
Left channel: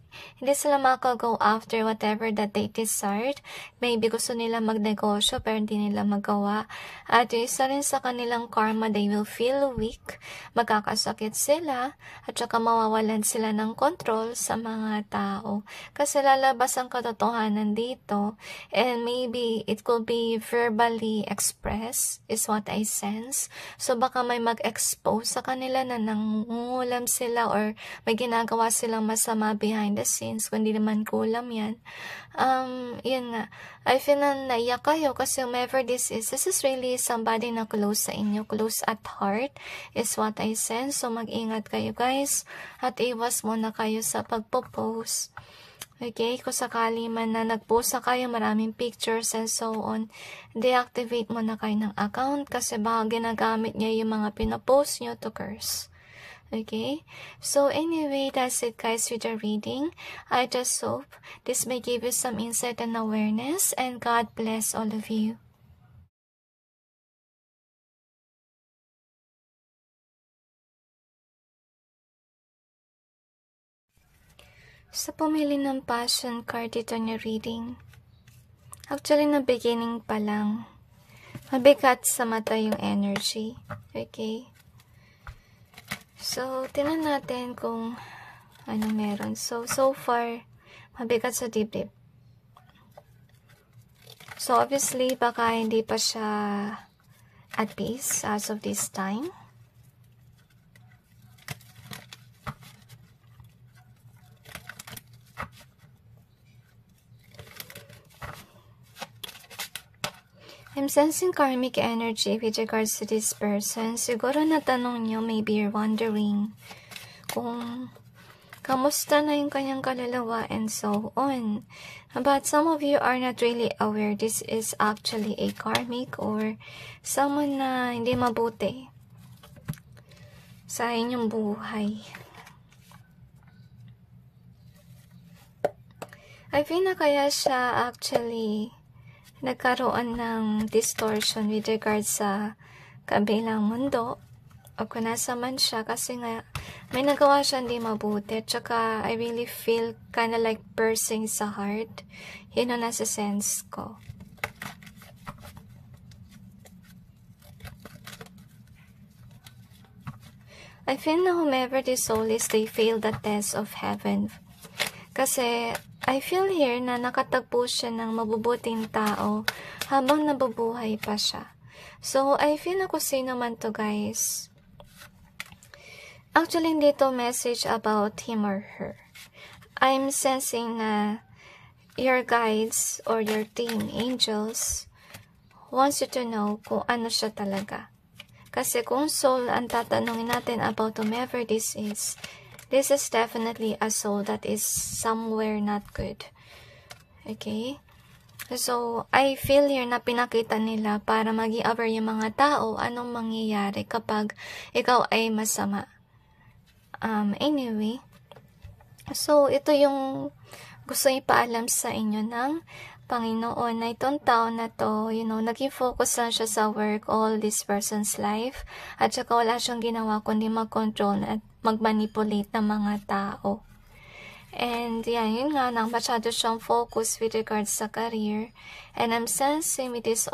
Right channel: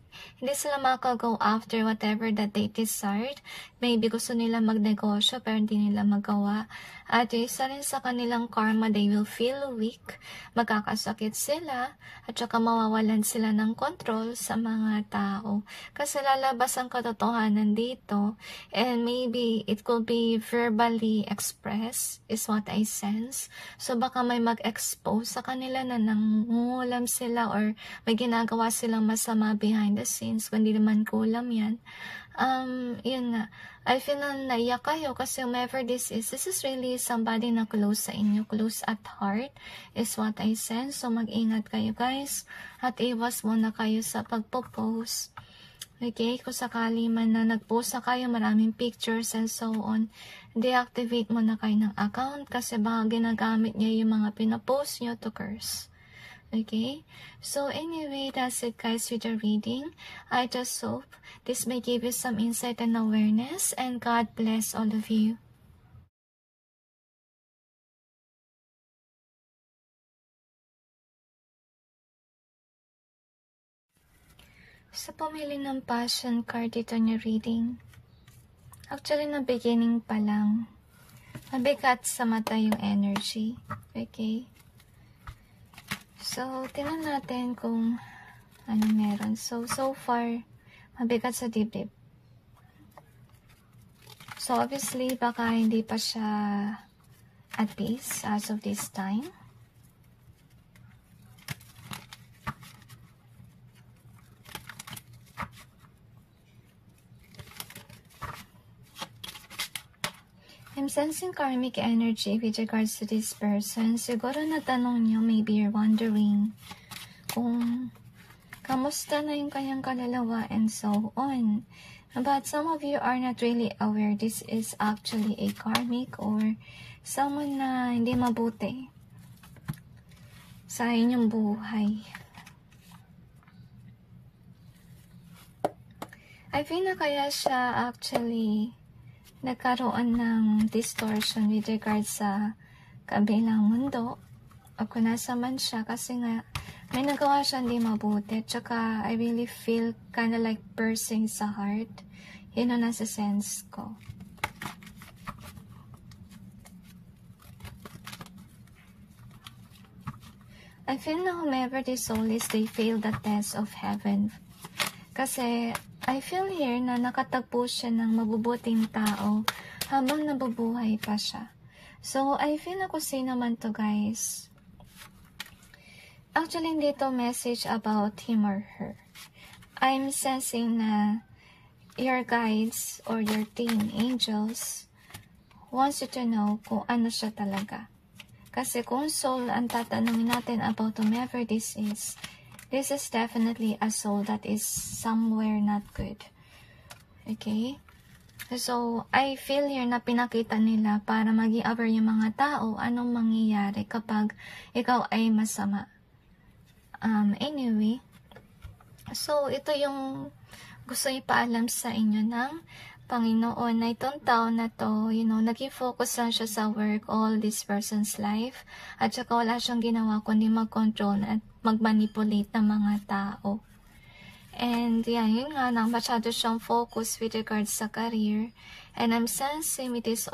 sila maka-go after whatever that they desired. Maybe gusto nila magnegosyo pero hindi nila magawa. At isa rin sa kanilang karma, they will feel weak, magkakasakit sila, at saka mawawalan sila ng control sa mga tao. Kasi lalabas ang katotohanan dito, and maybe it could be verbally expressed, is what I sense. So baka may mag-expose sa kanila na nangungulam sila or may ginagawa silang masama behind the scenes, kung hindi naman kulam yan. Yun nga, I feel na naiyak kayo kasi whomever this is really somebody na close sa inyo, close at heart is what I sense. So mag-ingat kayo, guys, at iwas muna kayo sa pagpo-post. Okay, kung sakali man na nag-post na kayo, maraming pictures and so on, deactivate mo na kayo ng account kasi baka ginagamit niya yung mga pinapost nyo to curse. Okay, so anyway, that's it, guys, with the reading. I just hope this may give you some insight and awareness, and God bless all of you. Sa pumili ng passion card dito niya reading, actually na beginning pa lang, mabigat sa mata yung energy. Okay, so tingnan natin kung ano meron. So far, mabigat sa dibdib. So obviously, baka hindi pa siya at peace as of this time. I'm sensing karmic energy with regards to this person. Siguro natanong nyo, maybe you're wondering kung kamusta na yung kanyang kaluluwa, and so on. But some of you are not really aware this is actually a karmic or someone na hindi mabuti sa inyong buhay. I feel na kaya siya actually nagkaroon ng distortion with regards sa kabilang mundo o kung nasa man siya, kasi nga may nagawa siya hindi mabuti. Tsaka I really feel kinda like piercing sa heart. Yun ang nasa sense ko. I feel na whomever this soul is, they fail the test of heaven. Kasi I feel here na nakatagpo siya ng mabubuting tao habang nabubuhay pa siya. So I feel na kung sino man to, guys. Actually, hindi to message about him or her. I'm sensing na your guides or your team angels wants you to know kung ano siya talaga. Kasi kung soul ang tatanungin natin about whomever this is definitely a soul that is somewhere not good. Okay? So, I feel here na pinakita nila para maging aware yung mga tao anong mangyayari kapag ikaw ay masama. Anyway, so ito yung gusto ipaalam sa inyo ng Panginoon na itong tao na to, naging focus lang siya sa work all this person's life, at saka wala siyang ginawa kundi mag-control at mag-manipulate ng mga tao. And yun nga, nang masyado siyang focus with regards sa career, and I'm sensing with this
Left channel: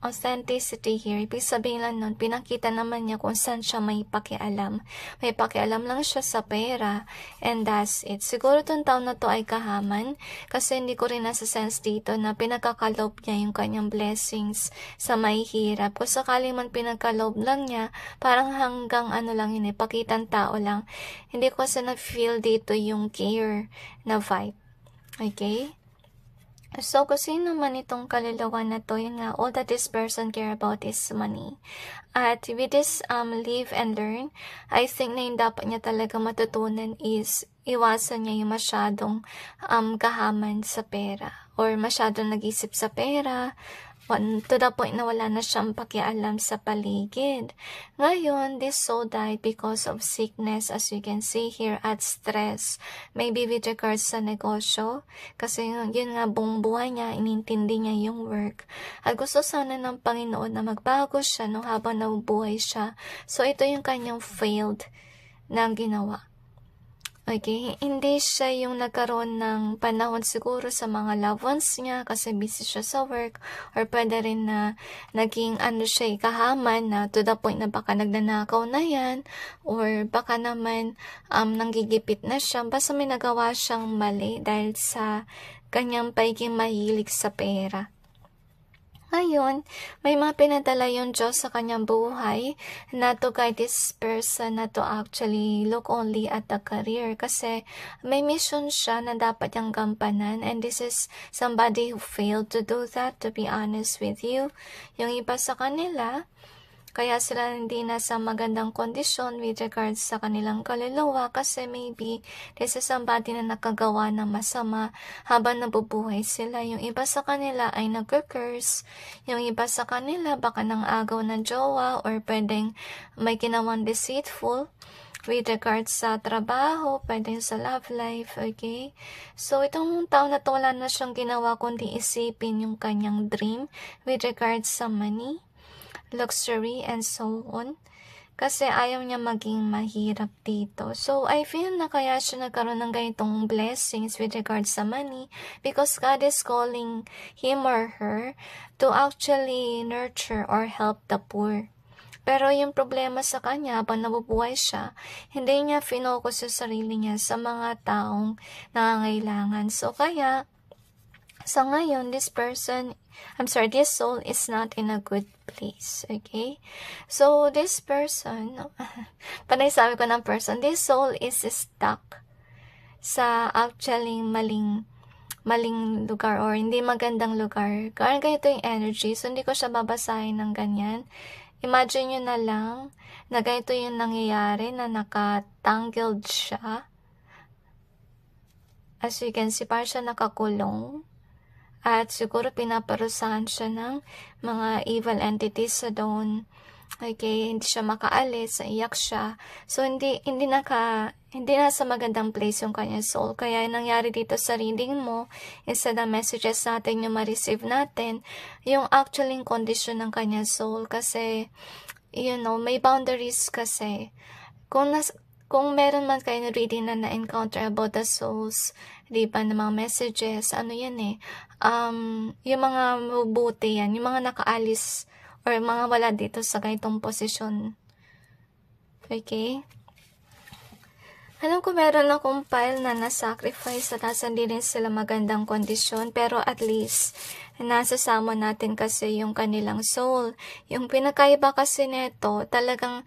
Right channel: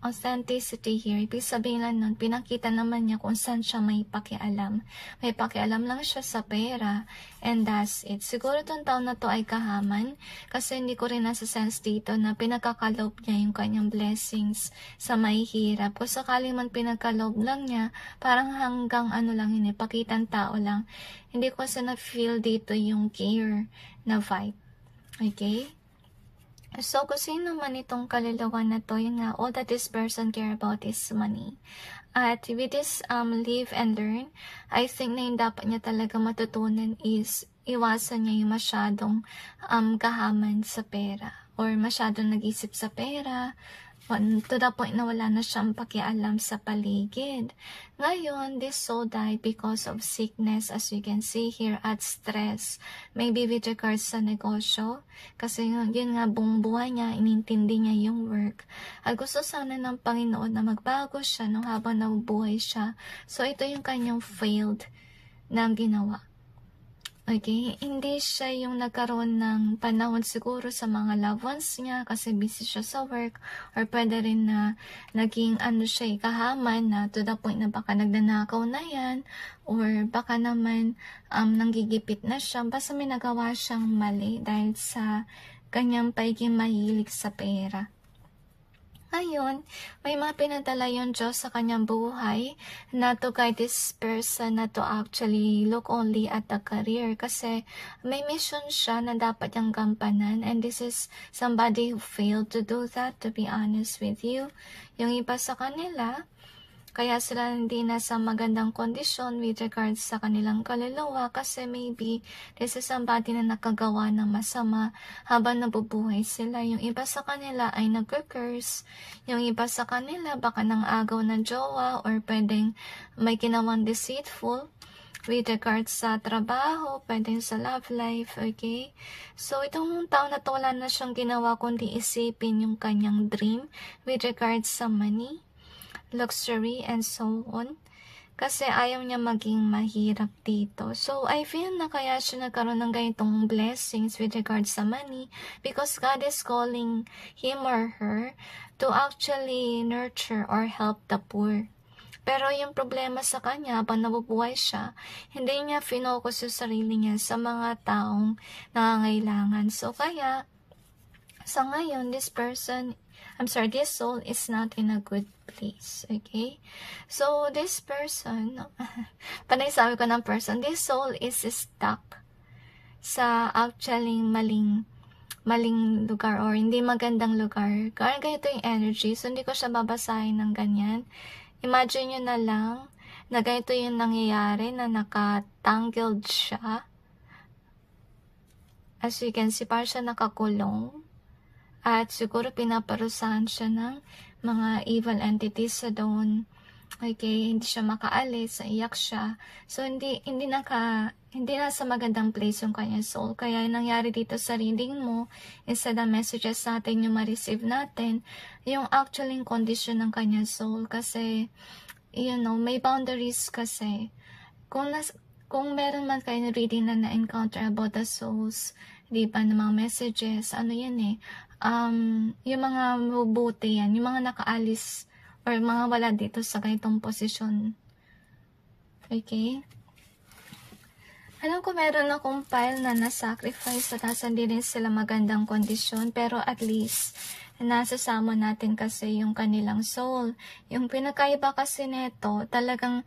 authenticity here, ibig sabihin lang nun, pinakita naman niya kung saan siya may pakialam. May pakialam lang siya sa pera, and that's it. Siguro itong taon na to ay kahaman, kasi hindi ko rin nasa sense dito na pinagkakalob niya yung kanyang blessings sa mahihirap. Kung sakali man pinagkalob lang niya, parang hanggang lang yun, pakitang tao lang. Hindi ko sa na-feel dito yung care na vibe. Okay? So, kung sino man itong kaluluwa na to, yun nga, all that this person care about is money. At with this live and learn, I think na yung dapat niya talaga matutunan is iwasan niya yung masyadong kahaman sa pera or masyadong nag-isip sa pera, to the point na wala na siyang pakialam sa paligid. Ngayon, this soul died because of sickness, as you can see here, at stress. Maybe with regards sa negosyo, kasi yun nga, buong buhay niya, inintindi niya yung work. At gusto sana ng Panginoon na magbago siya habang nabubuhay siya. So, ito yung kanyang failed na ginawa. Okay, hindi siya yung nagkaroon ng panahon siguro sa mga loved ones niya kasi busy siya sa work, or pwede rin na naging siya kahaman na to the point na baka nagnanakaw na yan, or baka naman nanggigipit na siya, basta may nagawa siyang mali dahil sa kanyang pagiging mahilig sa pera. Ngayon, may mga pinadala yung Diyos sa kanyang buhay na to guide this person na to actually look only at the career, kasi may mission siya na dapat niyang gampanan, and this is somebody who failed to do that, to be honest with you. Yung iba sa kanila, kaya sila hindi nasa magandang kondisyon with regards sa kanilang kaluluwa kasi maybe this is somebody na nakagawa ng masama habang nabubuhay sila. Yung iba sa kanila ay nag-curse. Yung iba sa kanila baka nang agaw ng jowa, or pwedeng may ginawang deceitful with regards sa trabaho, pwedeng sa love life, okay? So, itong taon na to wala na siyang ginawa kundi isipin yung kanyang dream with regards sa money, luxury, and so on. Kasi ayaw niya maging mahirap dito. So, I feel na kaya siya nagkaroon ng ganitong blessings with regards sa money because God is calling him or her to actually nurture or help the poor. Pero yung problema sa kanya, habang nabubuhay siya, hindi niya finokus yung sarili niya sa mga taong nangangailangan. So, kaya, sa ngayon, this soul is not in a good place, okay? So, this person, panay sabi ko ng person, this soul is stuck sa actually maling lugar or hindi magandang lugar. Kaya ganito yung energy, so hindi ko siya babasahin ng ganyan. Imagine nyo na lang na ganito yung nangyayari, na nakatangled siya as you can see, parang siya nakakulong. At siguro pinaparusahan siya ng mga evil entities sa doon. Okay, hindi siya makaalis, iyak siya. So, hindi na sa magandang place yung kanyang soul. Kaya yung nangyari dito sa reading mo, instead ng messages natin yung ma-receive natin, yung actually condition ng kanyang soul. Kasi, may boundaries kasi. Kung meron man kayo reading na na-encounter about the souls, di ba, ng mga messages, yung mga mabuti yan, yung mga nakaalis, or mga wala dito sa ganitong posisyon. Okay? Alam ko meron akong pile na na-sacrifice at nasa hindi rin sila magandang kondisyon, pero at least, nasasama natin kasi yung kanilang soul. Yung pinakaiba kasi neto, talagang,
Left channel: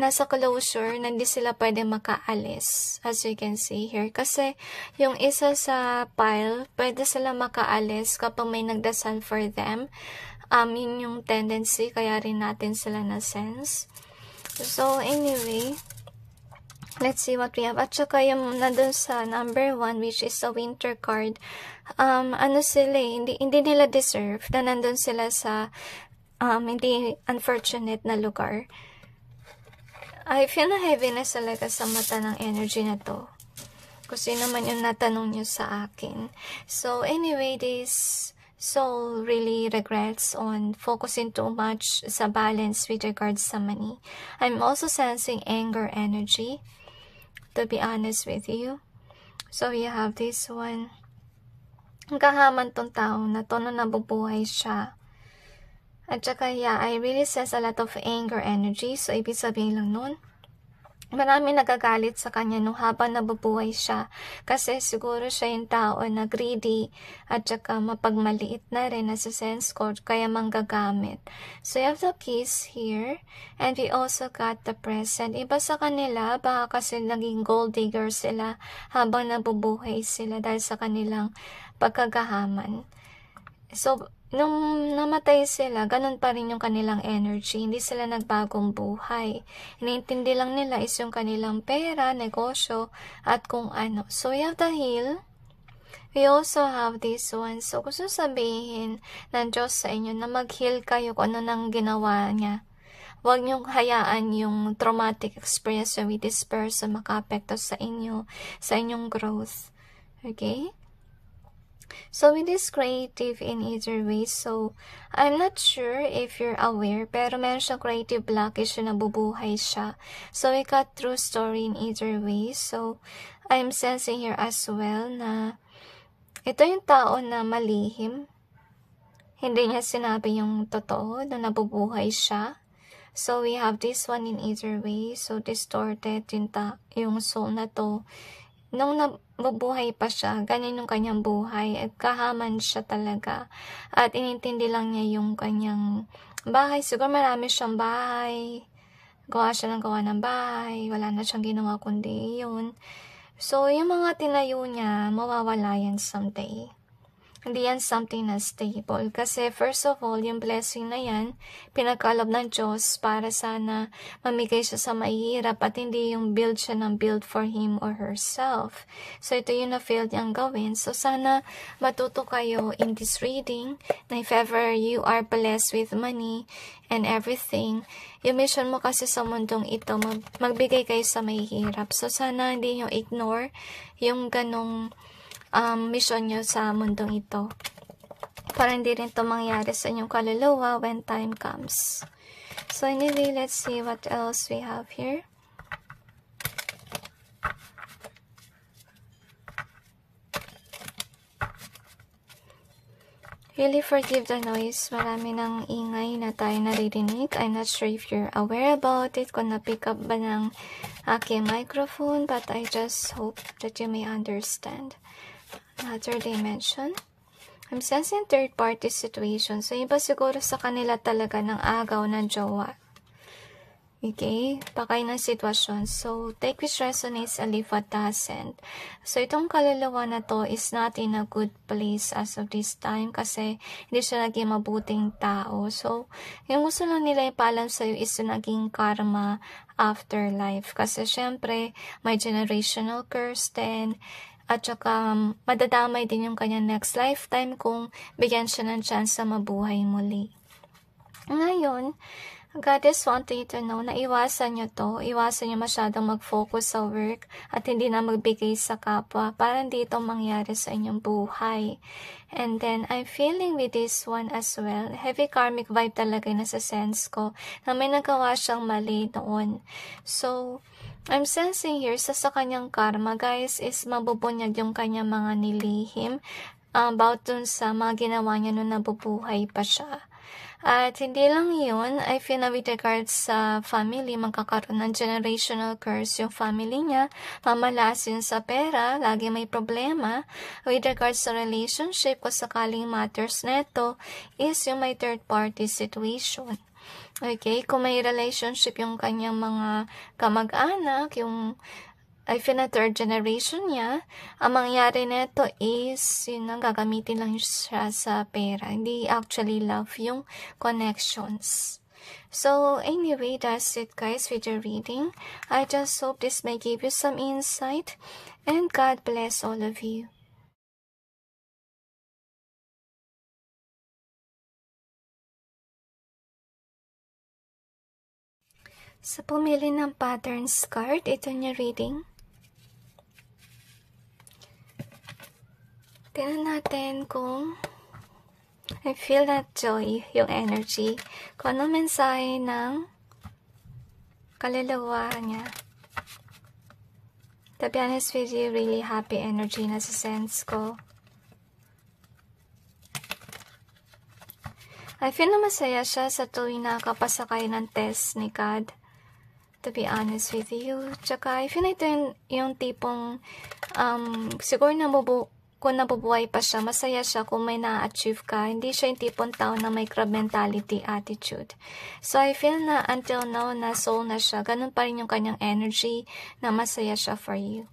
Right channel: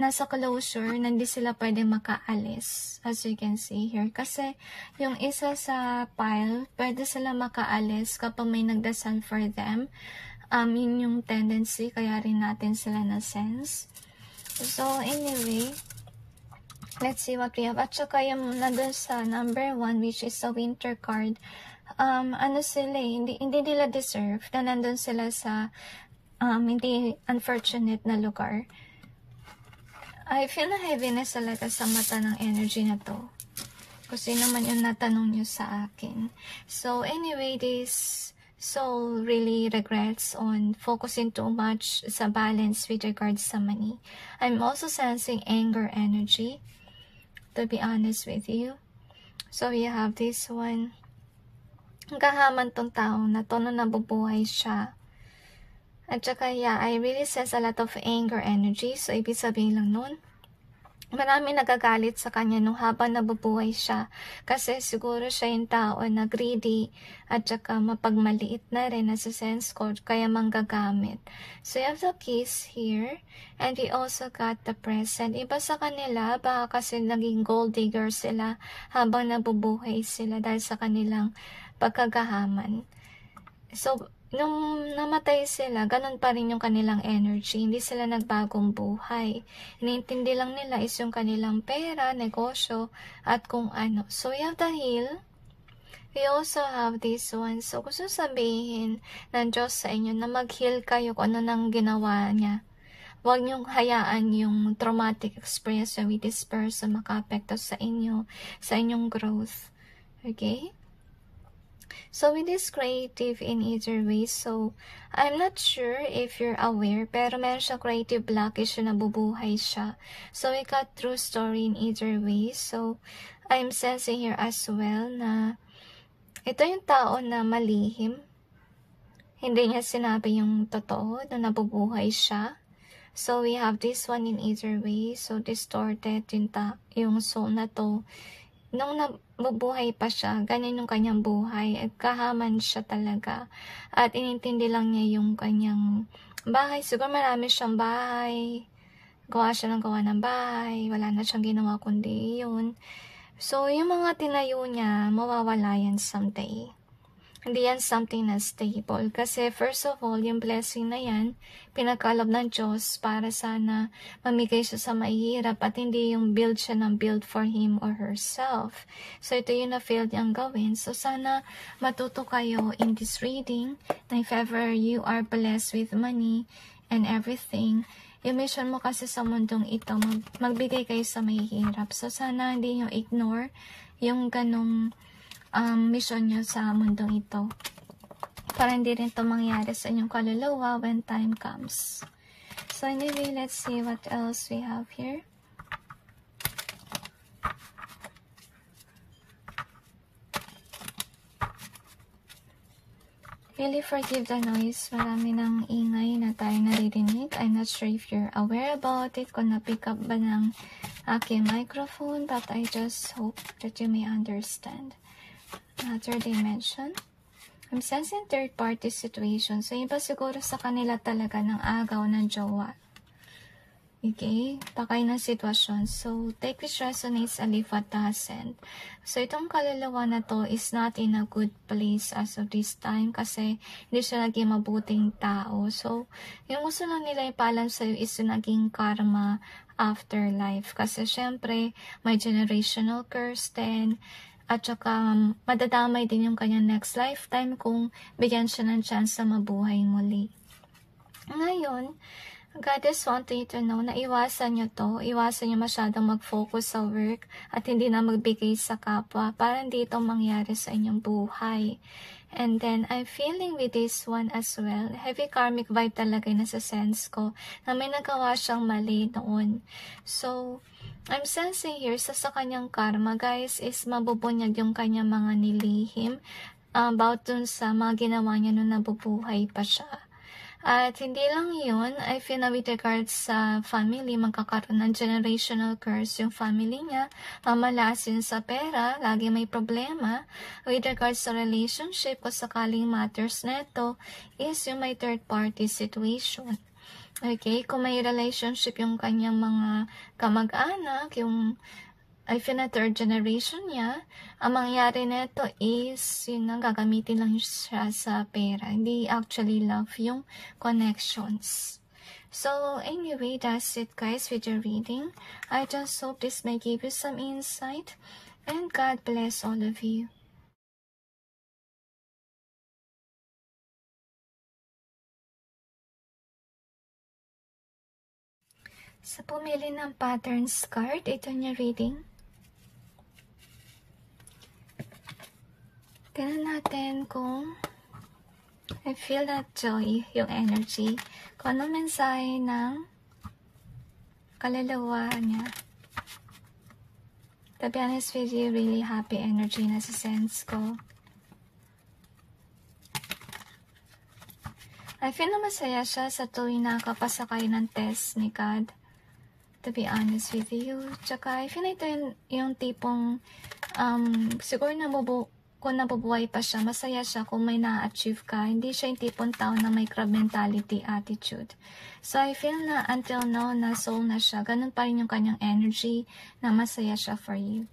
nasa closure, na hindi sila pwede makaalis, as you can see here. Kasi, yung isa sa pile, pwede sila makaalis kapag may nagdasal for them. Yun yung tendency, kaya rin natin sila na-sense. So, anyway, let's see what we have. At saka yung nandun sa number 1, which is a winter card, hindi nila deserve na nandun sila sa hindi unfortunate na lugar. I feel na heaviness talaga sa mata ng energy na to. Kasi naman yung natanong nyo sa akin. So, anyway, this soul really regrets on focusing too much sa balance with regards sa money. I'm also sensing anger energy, to be honest with you. So, we have this one. Ang kahaman tong taong na to na nabubuhay siya. At saka, I really sense a lot of anger energy. So, ibig sabihin lang nun, marami nagagalit sa kanya nung habang nabubuhay siya. Kasi siguro siya yung tao na greedy at saka mapagmaliit na rin nasa sense code, kaya manggagamit. So, you have the keys here. And we also got the present. Iba sa kanila, baka kasi naging gold digger sila habang nabubuhay sila dahil sa kanilang pagkagahaman. So, nung namatay sila, ganun pa rin yung kanilang energy. Hindi sila nagbagong buhay. Iniintindi lang nila is yung kanilang pera, negosyo, at kung ano. So, we have the heal. We also have this one. So, gusto sabihin ng Diyos sa inyo na mag-heal kayo kung ano nang ginawa niya. Huwag niyong hayaan yung traumatic experience with this person maka-apekto sa inyo, sa inyong growth. Okay? So, with this creative in either way, so, I'm not sure if you're aware, pero meron siyang creative blockage na nabubuhay siya. So, we got true story in either way. So, I'm sensing here as well na ito yung tao na malihim. Hindi niya sinabi yung totoo na nabubuhay siya. So, we have this one in either way. So, distorted yung soul na to. Nung nabubuhay pa siya, ganyan yung kanyang buhay, at kahaman siya talaga. At inintindi lang niya yung kanyang bahay. Siguro marami siyang bahay. Gawa siya ng bahay. Wala na siyang ginawa kundi yun. So, yung mga tinayo niya, mawawala yan someday. Hindi yan something na stable. Kasi first of all, yung blessing na yan, pinagkaloob ng Diyos para sana mamigay siya sa mahihirap at hindi yung build siya ng build for him or herself. So, ito yung na-failed niyang gawin. So, sana matuto kayo in this reading na if ever you are blessed with money and everything, yung mission mo kasi sa mundong ito, magbigay kayo sa mahihirap. So, sana hindi nyo ignore yung ganong mission nyo sa mundong ito. Para hindi rin ito mangyari sa inyong kaluluwa when time comes. So anyway, let's see what else we have here. Really forgive the noise. Marami ng ingay na tayo naririnig. I'm not sure if you're aware about it, kung na-pick up ba ng aking microphone, but I just hope that you may understand. Another dimension. I'm sensing third-party situation. So, iba siguro sa kanila talaga ng agaw ng jowa. Okay? Pakay ng sitwasyon. So, take which resonates and leave what doesn't. So, itong kaluluwa na to is not in a good place as of this time kasi hindi siya naging mabuting tao. So, yung gusto lang nila ipalam sa'yo is yung naging karma afterlife. Kasi syempre, may generational curse din. At saka, madadamay din yung kanyang next lifetime kung bigyan siya ng chance na mabuhay muli. Ngayon, God is wanting you to know na iwasan nyo to. Iwasan nyo masyadong mag-focus sa work at hindi na magbigay sa kapwa para hindi ito mangyari sa inyong buhay. And then, I'm feeling with this one as well. Heavy karmic vibe talaga yung nasa sense ko na may nagawa siyang mali noon. So, I'm sensing here sa kanyang karma, guys, is mabubunyag yung kanyang mga nilihim about dun sa mga ginawa niya nung nabubuhay pa siya. At hindi lang yun, I feel na with regards sa family, magkakaroon ng generational curse yung family niya, mamalasin sa pera, lagi may problema. With regards sa relationship, kung sakaling matters neto, is yung may third party situation. Okay, kung may relationship yung kanyang mga kamag-anak, yung I feel na third generation niya, ang mangyari nito is, gagamitin lang siya sa pera. Hindi actually love yung connections. So, anyway, that's it guys with your reading. I just hope this may give you some insight. And God bless all of you. Sa pumili ng patterns card, ito niya reading. Tingnan natin kung I feel that joy, yung energy. Kung anong mensahe ng kaluluwa niya. To be honest with you, really happy energy na sa sense ko. I feel na masaya siya sa tuwing nakapasakay ng test ni God. To be honest with you. Tsaka, I feel na ito yung tipong, siguro kung nabubuhay pa siya, masaya siya kung may na-achieve ka. Hindi siya yung tipong tao na may crab mentality attitude. So, I feel na until now, na soul na siya. Ganun pa rin yung kanyang energy na masaya siya for you.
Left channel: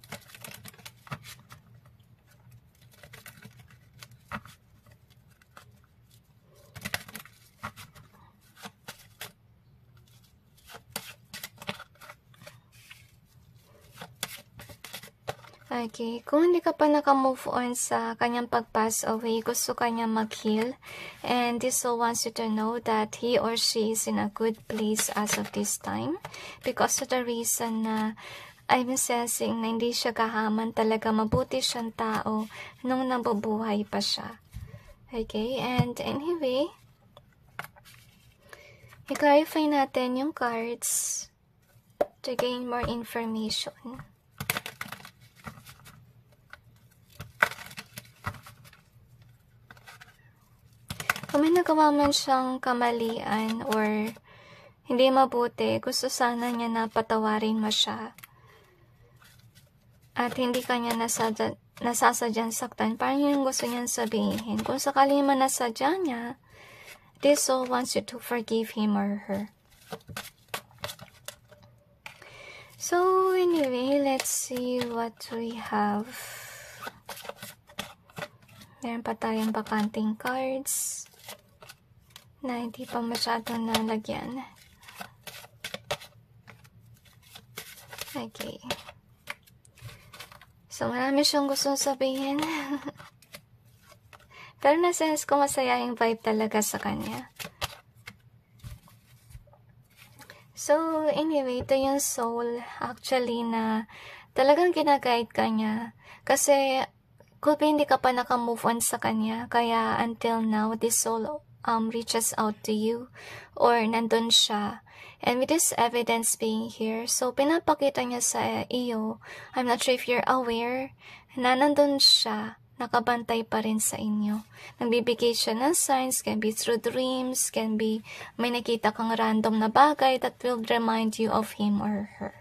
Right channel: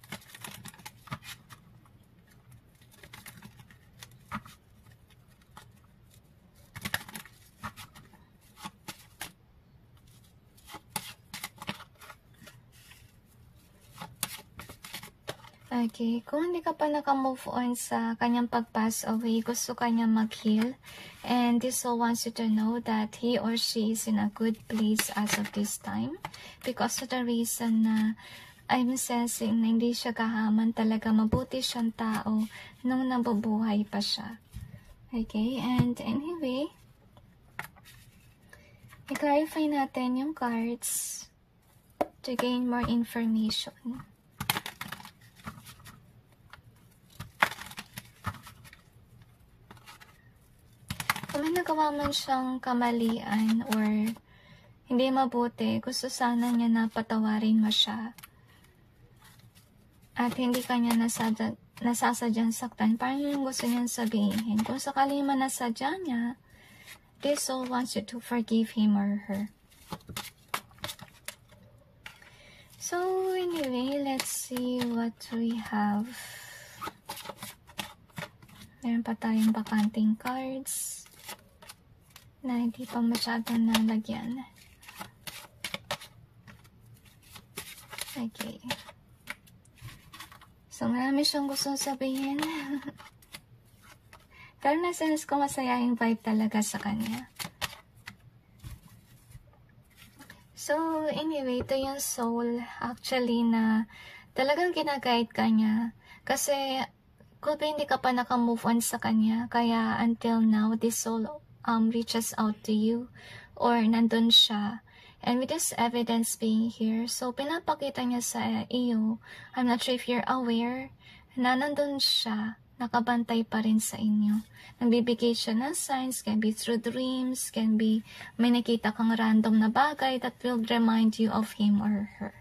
Okay, kung hindi ka pa naka-move on sa kanyang pag-pass away, gusto kanya mag-heal. And this soul wants you to know that he or she is in a good place as of this time. Because of the reason na I'm sensing na hindi siya kahaman, talaga mabuti siyang tao nung nabubuhay pa siya. Okay, and anyway, i-clarify natin yung cards to gain more information. Kung may nagawa man siyang kamalian or hindi mabuti, gusto sana niya na patawarin mo siya. At hindi kanya nasasadyang saktan. Parang yung gusto niyang sabihin. Kung sakali man nasadya niya, this soul wants you to forgive him or her. So, anyway, let's see what we have. Meron pa tayong bakanting cards na hindi pa masyadong nalagyan. Okay. So, marami siyang gustong sabihin. Pero na-sense ko masaya yung vibe talaga sa kanya. So, anyway, ito yung soul actually na talagang ginaguide ka niya. Kasi, kung hindi ka pa naka-move on sa kanya, kaya until now, this soul reaches out to you or nandun siya. And with this evidence being here, so pinapakita niya sa iyo, I'm not sure if you're aware, na nandun siya, nakabantay pa rin sa inyo. Nagbibigay siya ng signs, can be through dreams, can be may nakita kang random na bagay that will remind you of him or her.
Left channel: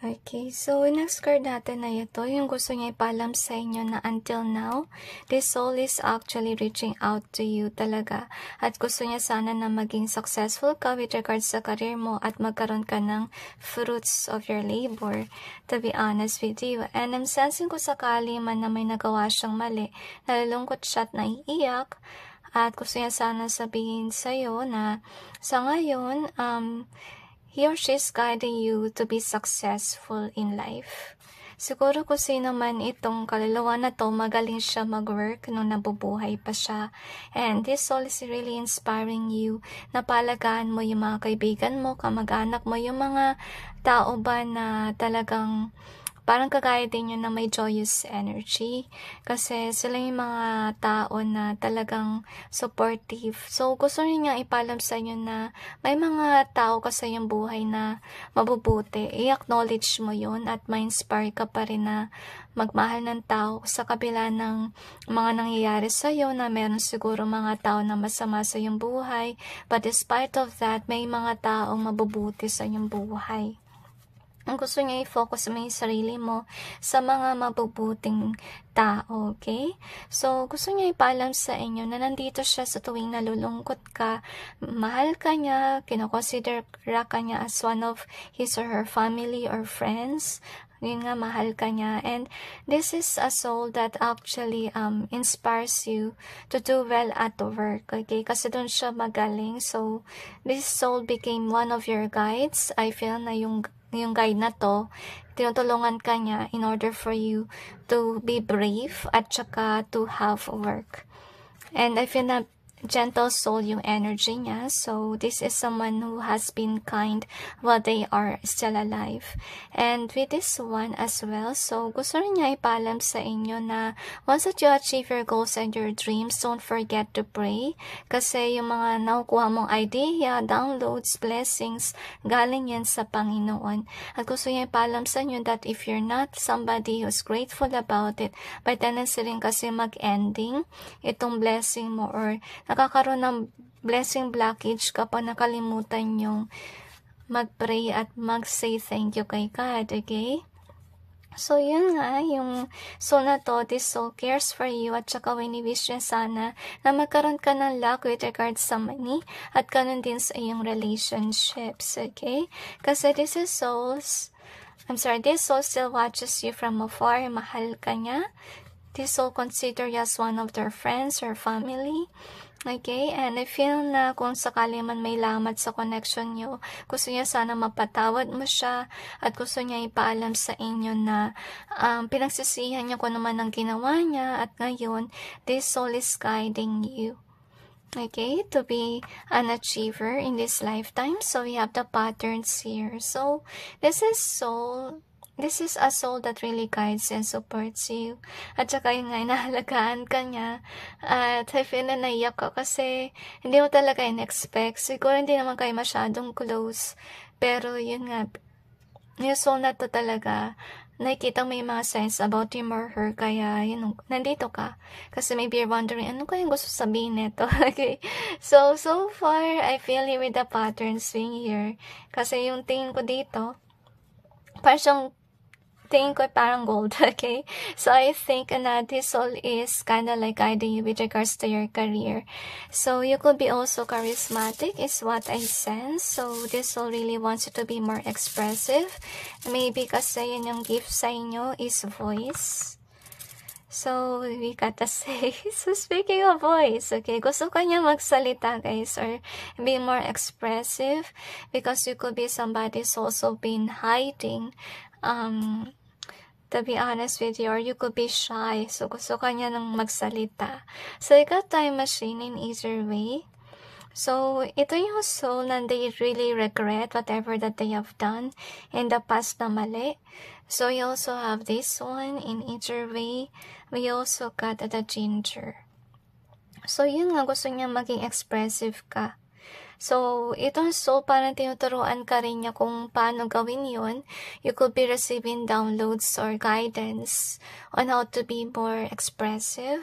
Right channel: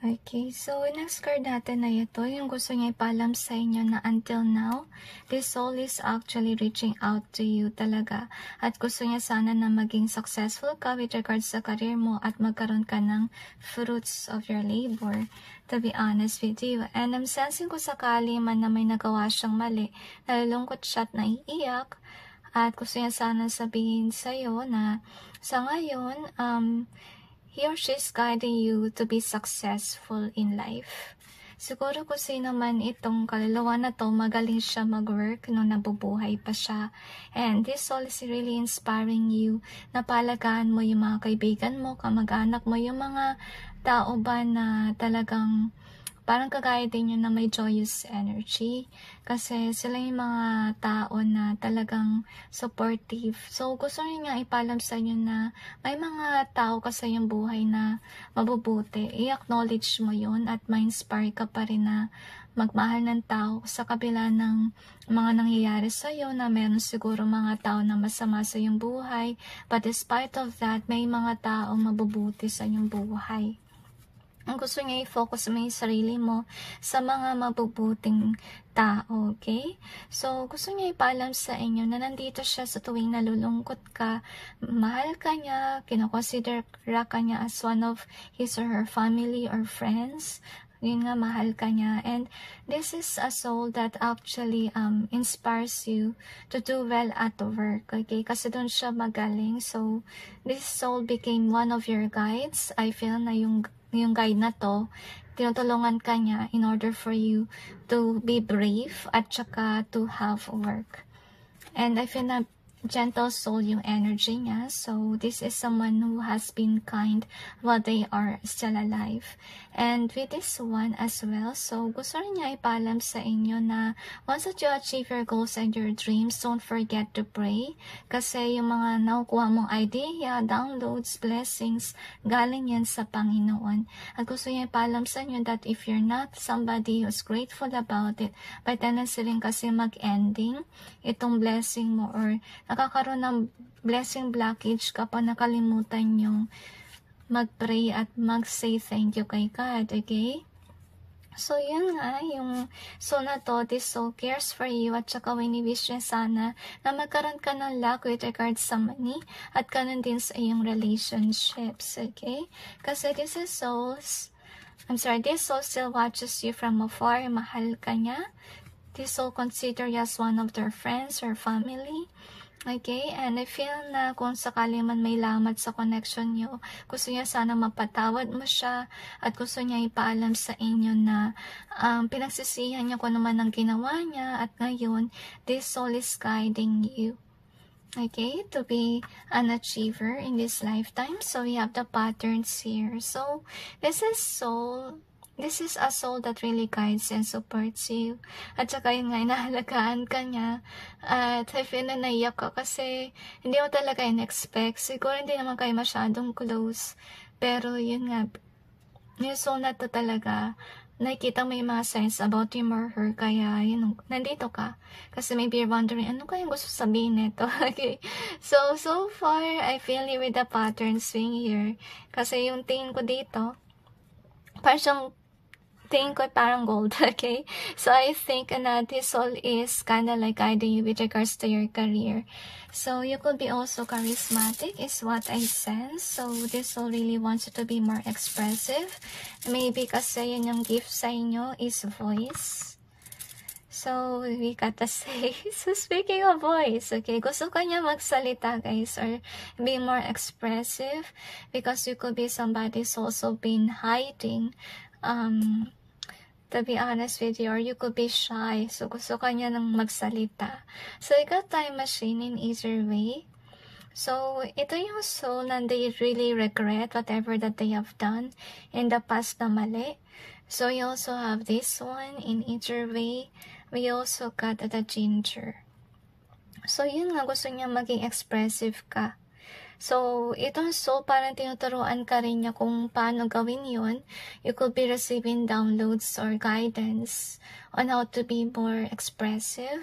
Okay, so next card natin na ito, yung gusto niya ipalam sa inyo na until now, this soul is actually reaching out to you talaga. At gusto niya sana na maging successful ka with regards sa career mo at magkaroon ka ng fruits of your labor, to be honest with you. And I'm sensing ko sakali man na may nagawa siyang mali, nalulungkot siya at naiiyak. At gusto niya sana sabihin sa'yo na sa ngayon, he or she is guiding you to be successful in life. Siguro kung sino man itong kaluluwa na to, magaling siya mag-work nung nabubuhay pa siya. And this soul is really inspiring you na palagaan mo yung mga kaibigan mo, kamag-anak mo, yung mga tao ba na talagang parang kagaya din yun na may joyous energy. Kasi sila yung mga tao na talagang supportive. So, gusto niya ipalam sa inyo na may mga tao ka sa iyong buhay na mabubuti. I-acknowledge mo yun at ma-inspire ka pa rin na magmahal ng tao sa kabila ng mga nangyayari sa iyo na meron siguro mga tao na masama sa iyong buhay. But despite of that, may mga taong mabubuti sa iyong buhay. Ang gusto niya i-focus mo yung sarili mo sa mga mabubuting tao, okay? So, gusto niya ipaalam sa inyo na nandito siya sa tuwing nalulungkot ka, mahal ka niya, kinoconsider ka niya as one of his or her family or friends. Yun nga, mahal ka niya. And this is a soul that actually inspires you to do well at work, okay? Kasi doon siya magaling. So, this soul became one of your guides. I feel na yung guide na to, tinutulungan ka niya in order for you to be brave at saka to have work. And I feel na gentle soul yung energy niya. So, this is someone who has been kind while they are still alive. And with this one as well, so gusto rin niya ipaalam sa inyo na once that you achieve your goals and your dreams, don't forget to pray. Kasi yung mga nakukuha mong idea, downloads, blessings, galing yan sa Panginoon. At gusto niya ipaalam sa inyo that if you're not somebody who's grateful about it, by tendency rin kasi mag-ending itong blessing mo or nakakaroon ng blessing blockage kapag nakalimutan yung mag-pray at mag-say thank you kay God, okay? So, yun nga, yung soul na to, this soul cares for you at saka wini-wish niya sana na magkaroon ka ng luck with regards sa money at ganun din sa iyong relationships, okay? Kasi this soul still watches you from afar, mahal ka niya. This soul consider you as one of their friends or family. Okay, and I feel na kung sakali man may lamat sa connection nyo, gusto niya sana mapatawad mo siya at gusto niya ipaalam sa inyo na pinagsisihan niya kung naman ang ginawa niya at ngayon, this soul is guiding you. Okay, to be an achiever in this lifetime. So, we have the patterns here. So, this is a soul that really guides and supports you. At saka yun nga, inahalagaan ka niya. At I feel na naiyak ka kasi hindi mo talaga in-expect. Siguro hindi naman kayo masyadong close. Pero yun nga, yung soul na to talaga, nakikita may mga signs about him or her. Kaya yun, nandito ka. Kasi maybe you're wondering, ano kayang gusto sabihin nito? Okay. So far, I feel you with the pattern swing here. Kasi yung tingin ko dito, tingin ko parang gold, okay? So, I think na this soul is kind of like guiding you with regards to your career. So, you could be also charismatic is what I sense. So, this soul really wants you to be more expressive. Maybe kasi yun yung gift sa inyo is voice. So, we gotta say, so speaking of voice, okay, gusto ka niya magsalita, guys, or be more expressive because you could be somebody who's also been hiding, to be honest with you, or you could be shy. So, gusto ka niya ng magsalita. So, you got time machine in either way. So, ito yung soul na they really regret whatever that they have done in the past na mali. So, you also have this one in either way. We also got the ginger. So, yun nga, gusto niya maging expressive ka. So, itong soul, parang tinuturuan ka rin niya kung paano gawin yun. You could be receiving downloads or guidance on how to be more expressive.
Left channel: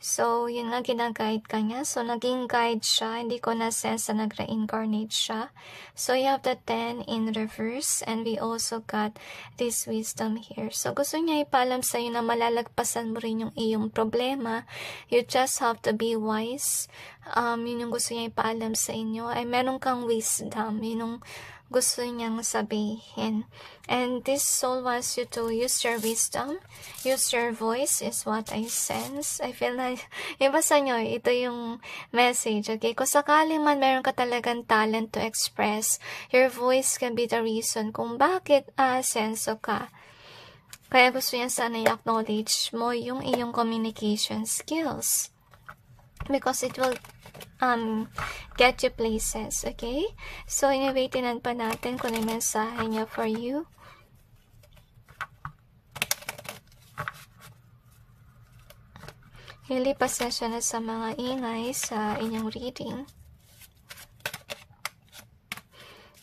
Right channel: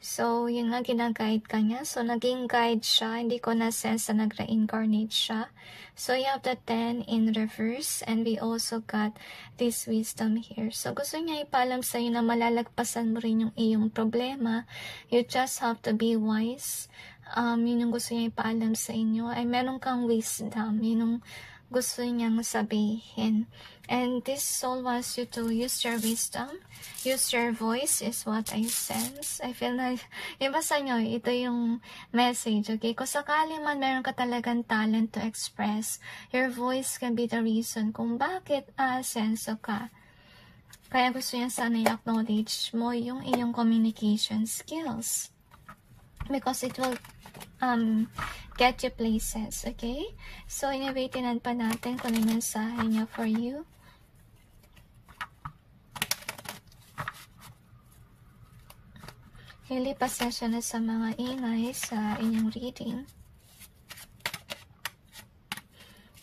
So, yun nga, ginaguide ka niya. So, naging guide siya. Hindi ko na-sense na nag-reincarnate siya. So, you have the 10 in reverse. And we also got this wisdom here. So, gusto niya ipaalam sa'yo na malalagpasan mo rin yung iyong problema. You just have to be wise. Yun yung gusto niya ipaalam sa inyo. Ay, meron kang wisdom. Yun yung gusto niyang sabihin. And this soul wants you to use your wisdom, use your voice is what I sense. I feel like, iba sa inyo, ito yung message, okay? Kung sakali man meron ka talagang talent to express, your voice can be the reason kung bakit senso ka. Kaya gusto niya sana i-acknowledge mo yung iyong communication skills. Because it will get you places, okay? So, iniwaitin pa natin kung ano yung mensahe niya for you. Really, pasensya na sa mga ingay sa inyong reading.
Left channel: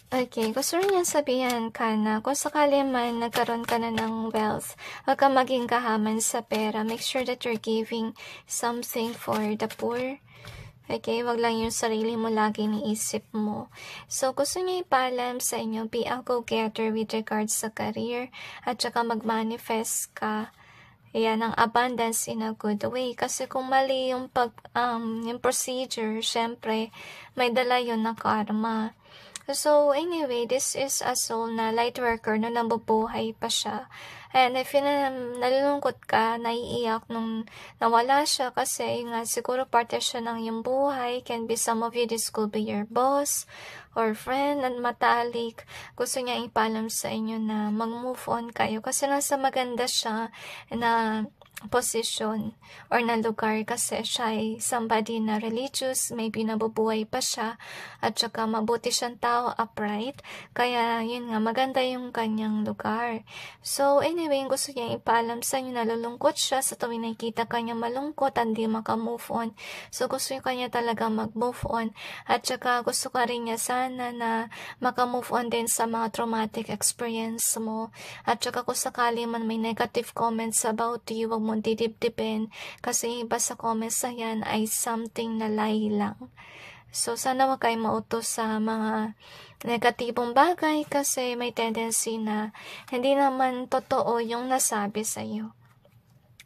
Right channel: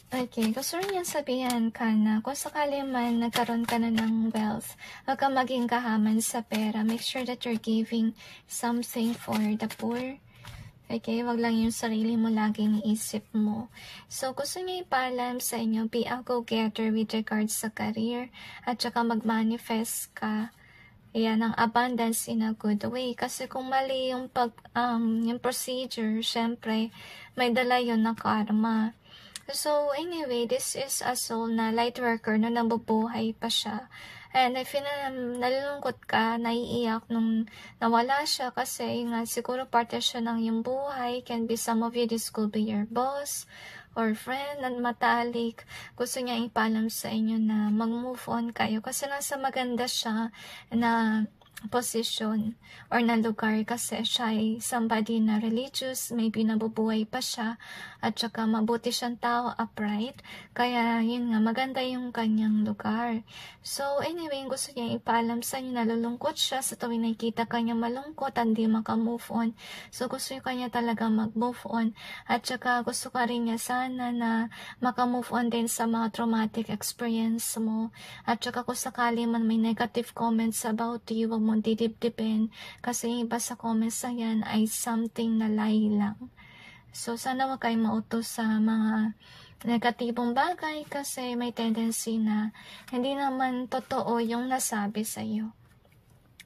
Okay, gusto rin niyang sabihan ka na kung sakali man nagkaroon ka na ng wealth, huwag kang maging kahaman sa pera. Make sure that you're giving something for the poor. Okay, wag lang yung sarili mo laging iisip mo. So, gusto niya ipaalam sa inyo, be a go-getter with regards sa career, at saka mag-manifest ka. Ayan, ang abundance in a good way. Kasi kung mali yung yung procedure, syempre, may dala yun na karma. So, anyway, this is a soul na light worker na nabubuhay pa siya. And I feel na nalulungkot ka, naiiyak nung nawala siya kasi nga siguro parte siya ng iyong buhay. Can be some of you, this could be your boss or friend at matalik. Gusto niya ipaalam sa inyo na mag-move on kayo kasi nasa maganda siya na position or na lugar kasi siya ay somebody na religious, maybe nabubuhay pa siya at saka mabuti siyang tao, upright, kaya yun nga, maganda yung kanyang lugar. So anyway, gusto niya ipaalam sa inyo, nalulungkot siya sa tuwing nakikita kanya malungkot at hindi maka-move on. So gusto niya kanya talaga mag-move on at saka gusto ka rin niya sana na maka-move on din sa mga traumatic experience mo at saka kung sakali man may negative comments about you, wag mong didip-dipin kasi iba sa comments na yan ay something na lie lang. So, sana wag kayo mautos sa mga negatibong bagay kasi may tendency na hindi naman totoo yung nasabi sa iyo.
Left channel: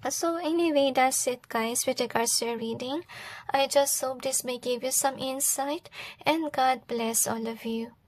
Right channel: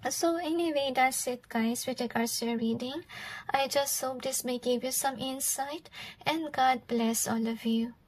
So, anyway, that's it guys with regards to your reading. I just hope this may give you some insight and God bless all of you.